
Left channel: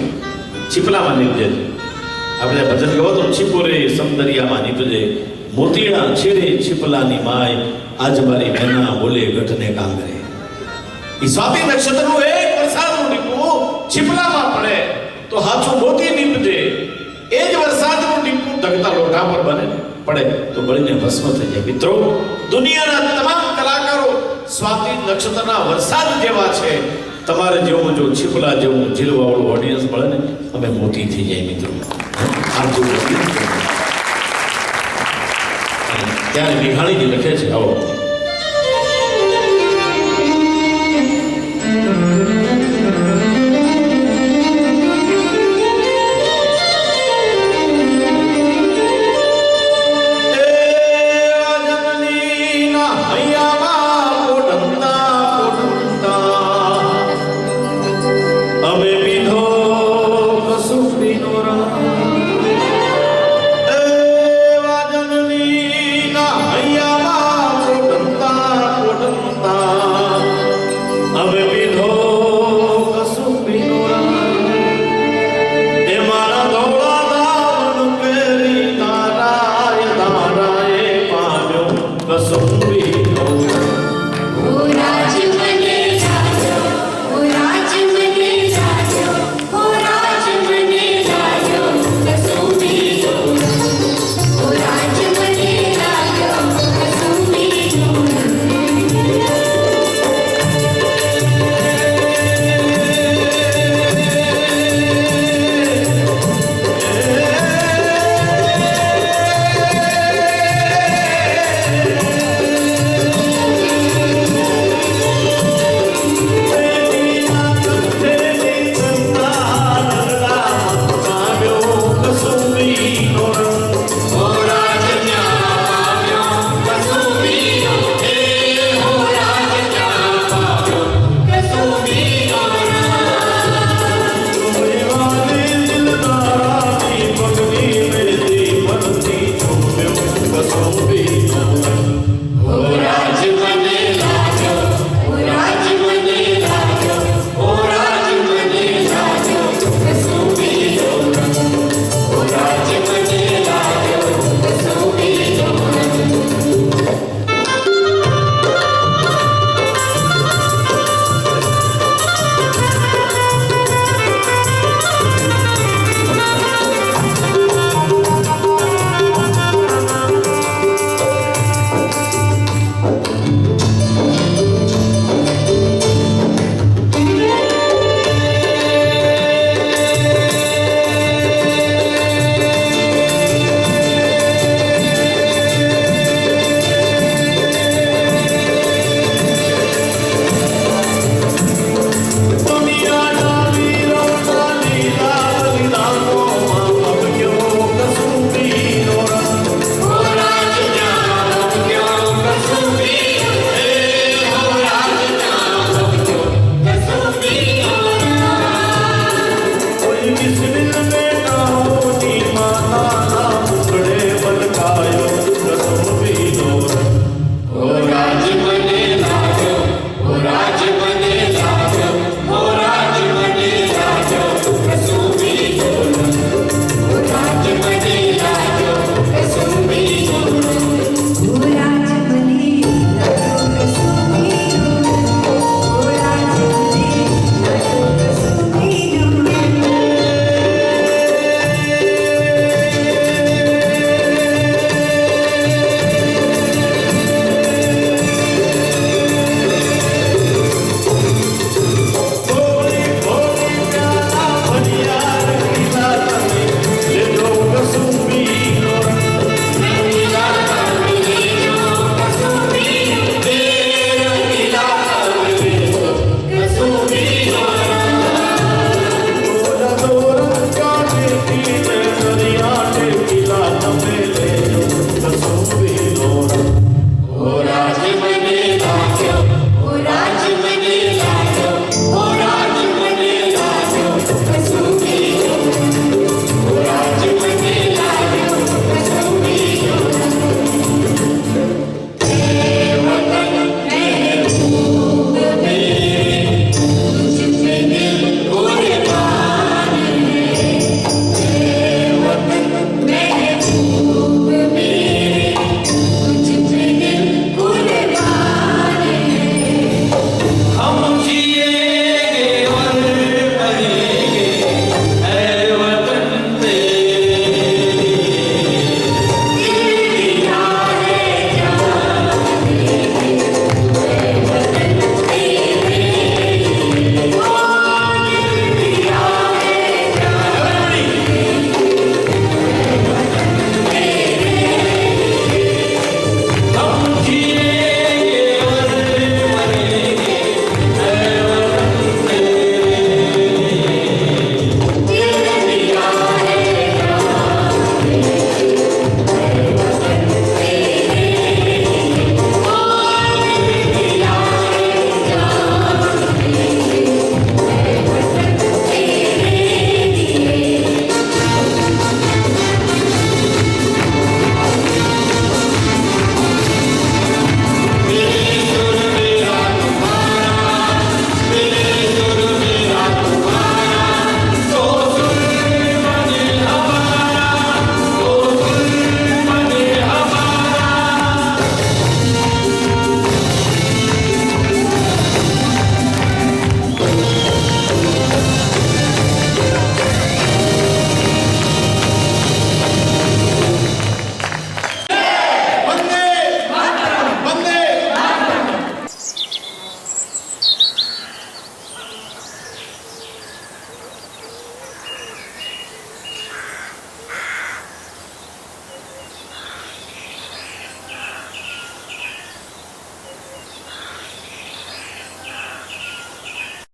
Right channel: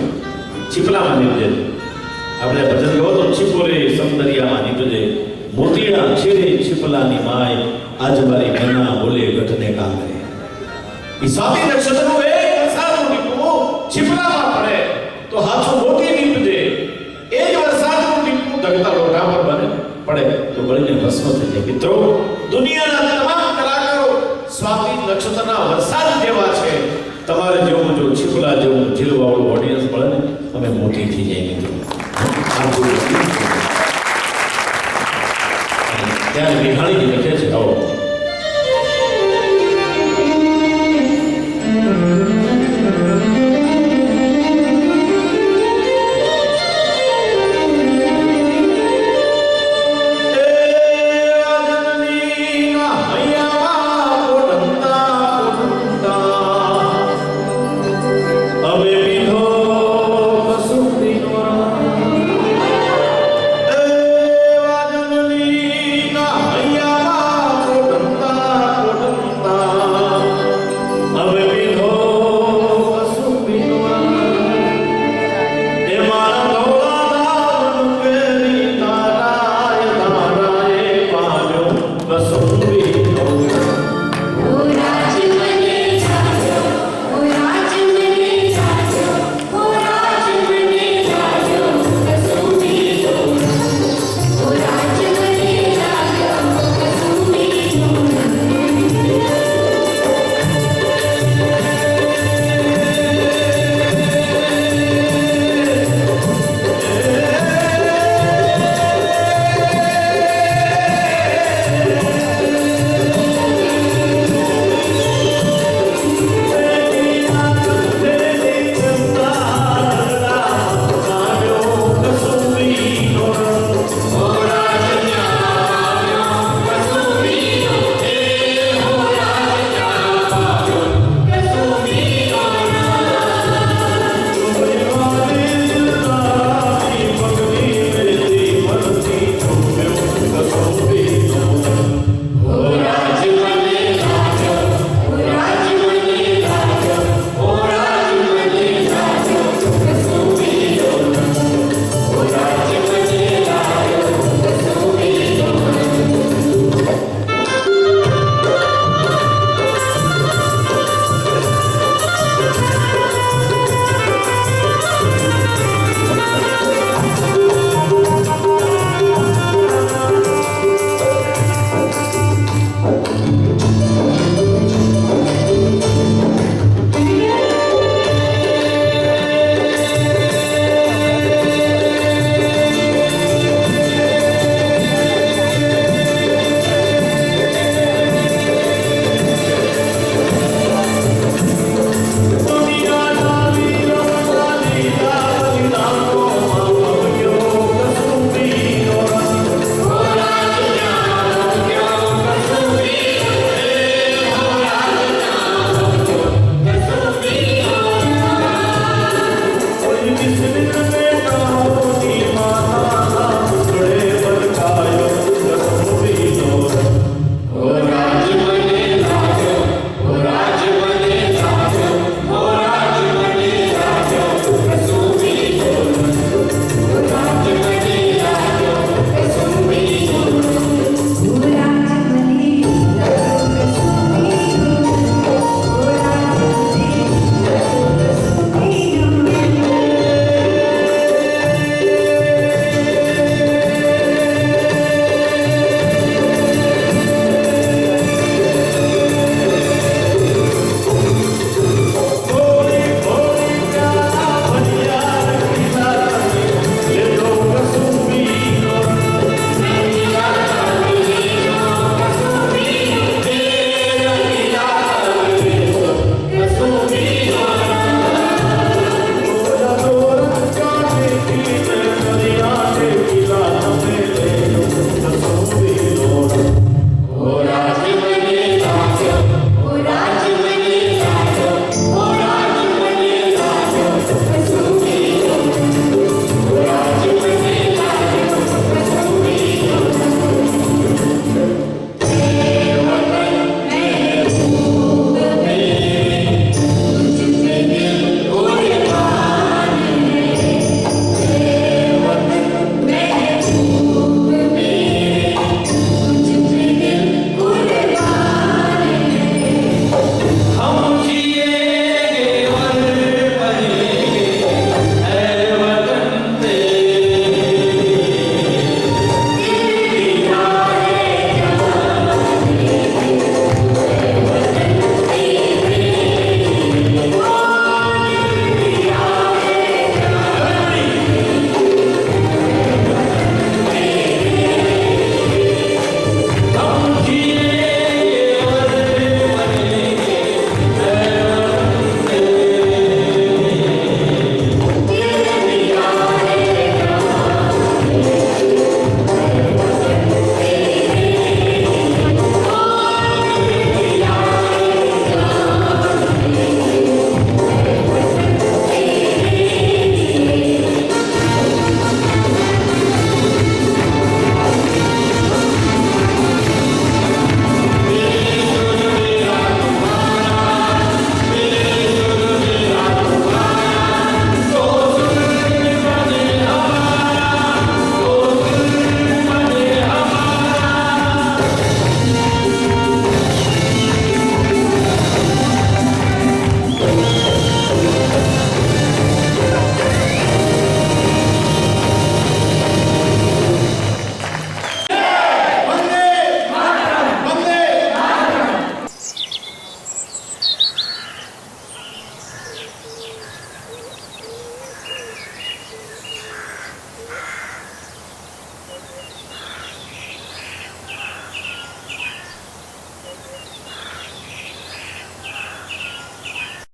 છીપલામાં નીકળે. આપણે ભજન કહો તો છીપો રે સમ દરિયામાં નીકળે, મોતીડા છેડે છીપલાની માય, આજ મારી મેના બોલે ગઢને કાંગરે. એ સ્વાતિ નક્ષત્રનું એક વરસાદનું ટીપું છીપલામાં પડે તો હાથું મોતી નીકળે. એ જ વરસાદનું ટીપું દગતા લોટા પર બને પડે તો બળીને ભસ્મ થઈ જાય. મિત્રો, દુનિયાના તમામ કલાકારો સ્વાતિ નક્ષત્રના વરસાદ જેવા છે. તમારે જેવું જો છીપલા જેવું ઝીલવાળું ઓડિયન્સ મળે ને, અમે મોતી થઈ જાય મિત્રો. ત્યારે મેઘાણીજી લખે છે, આવો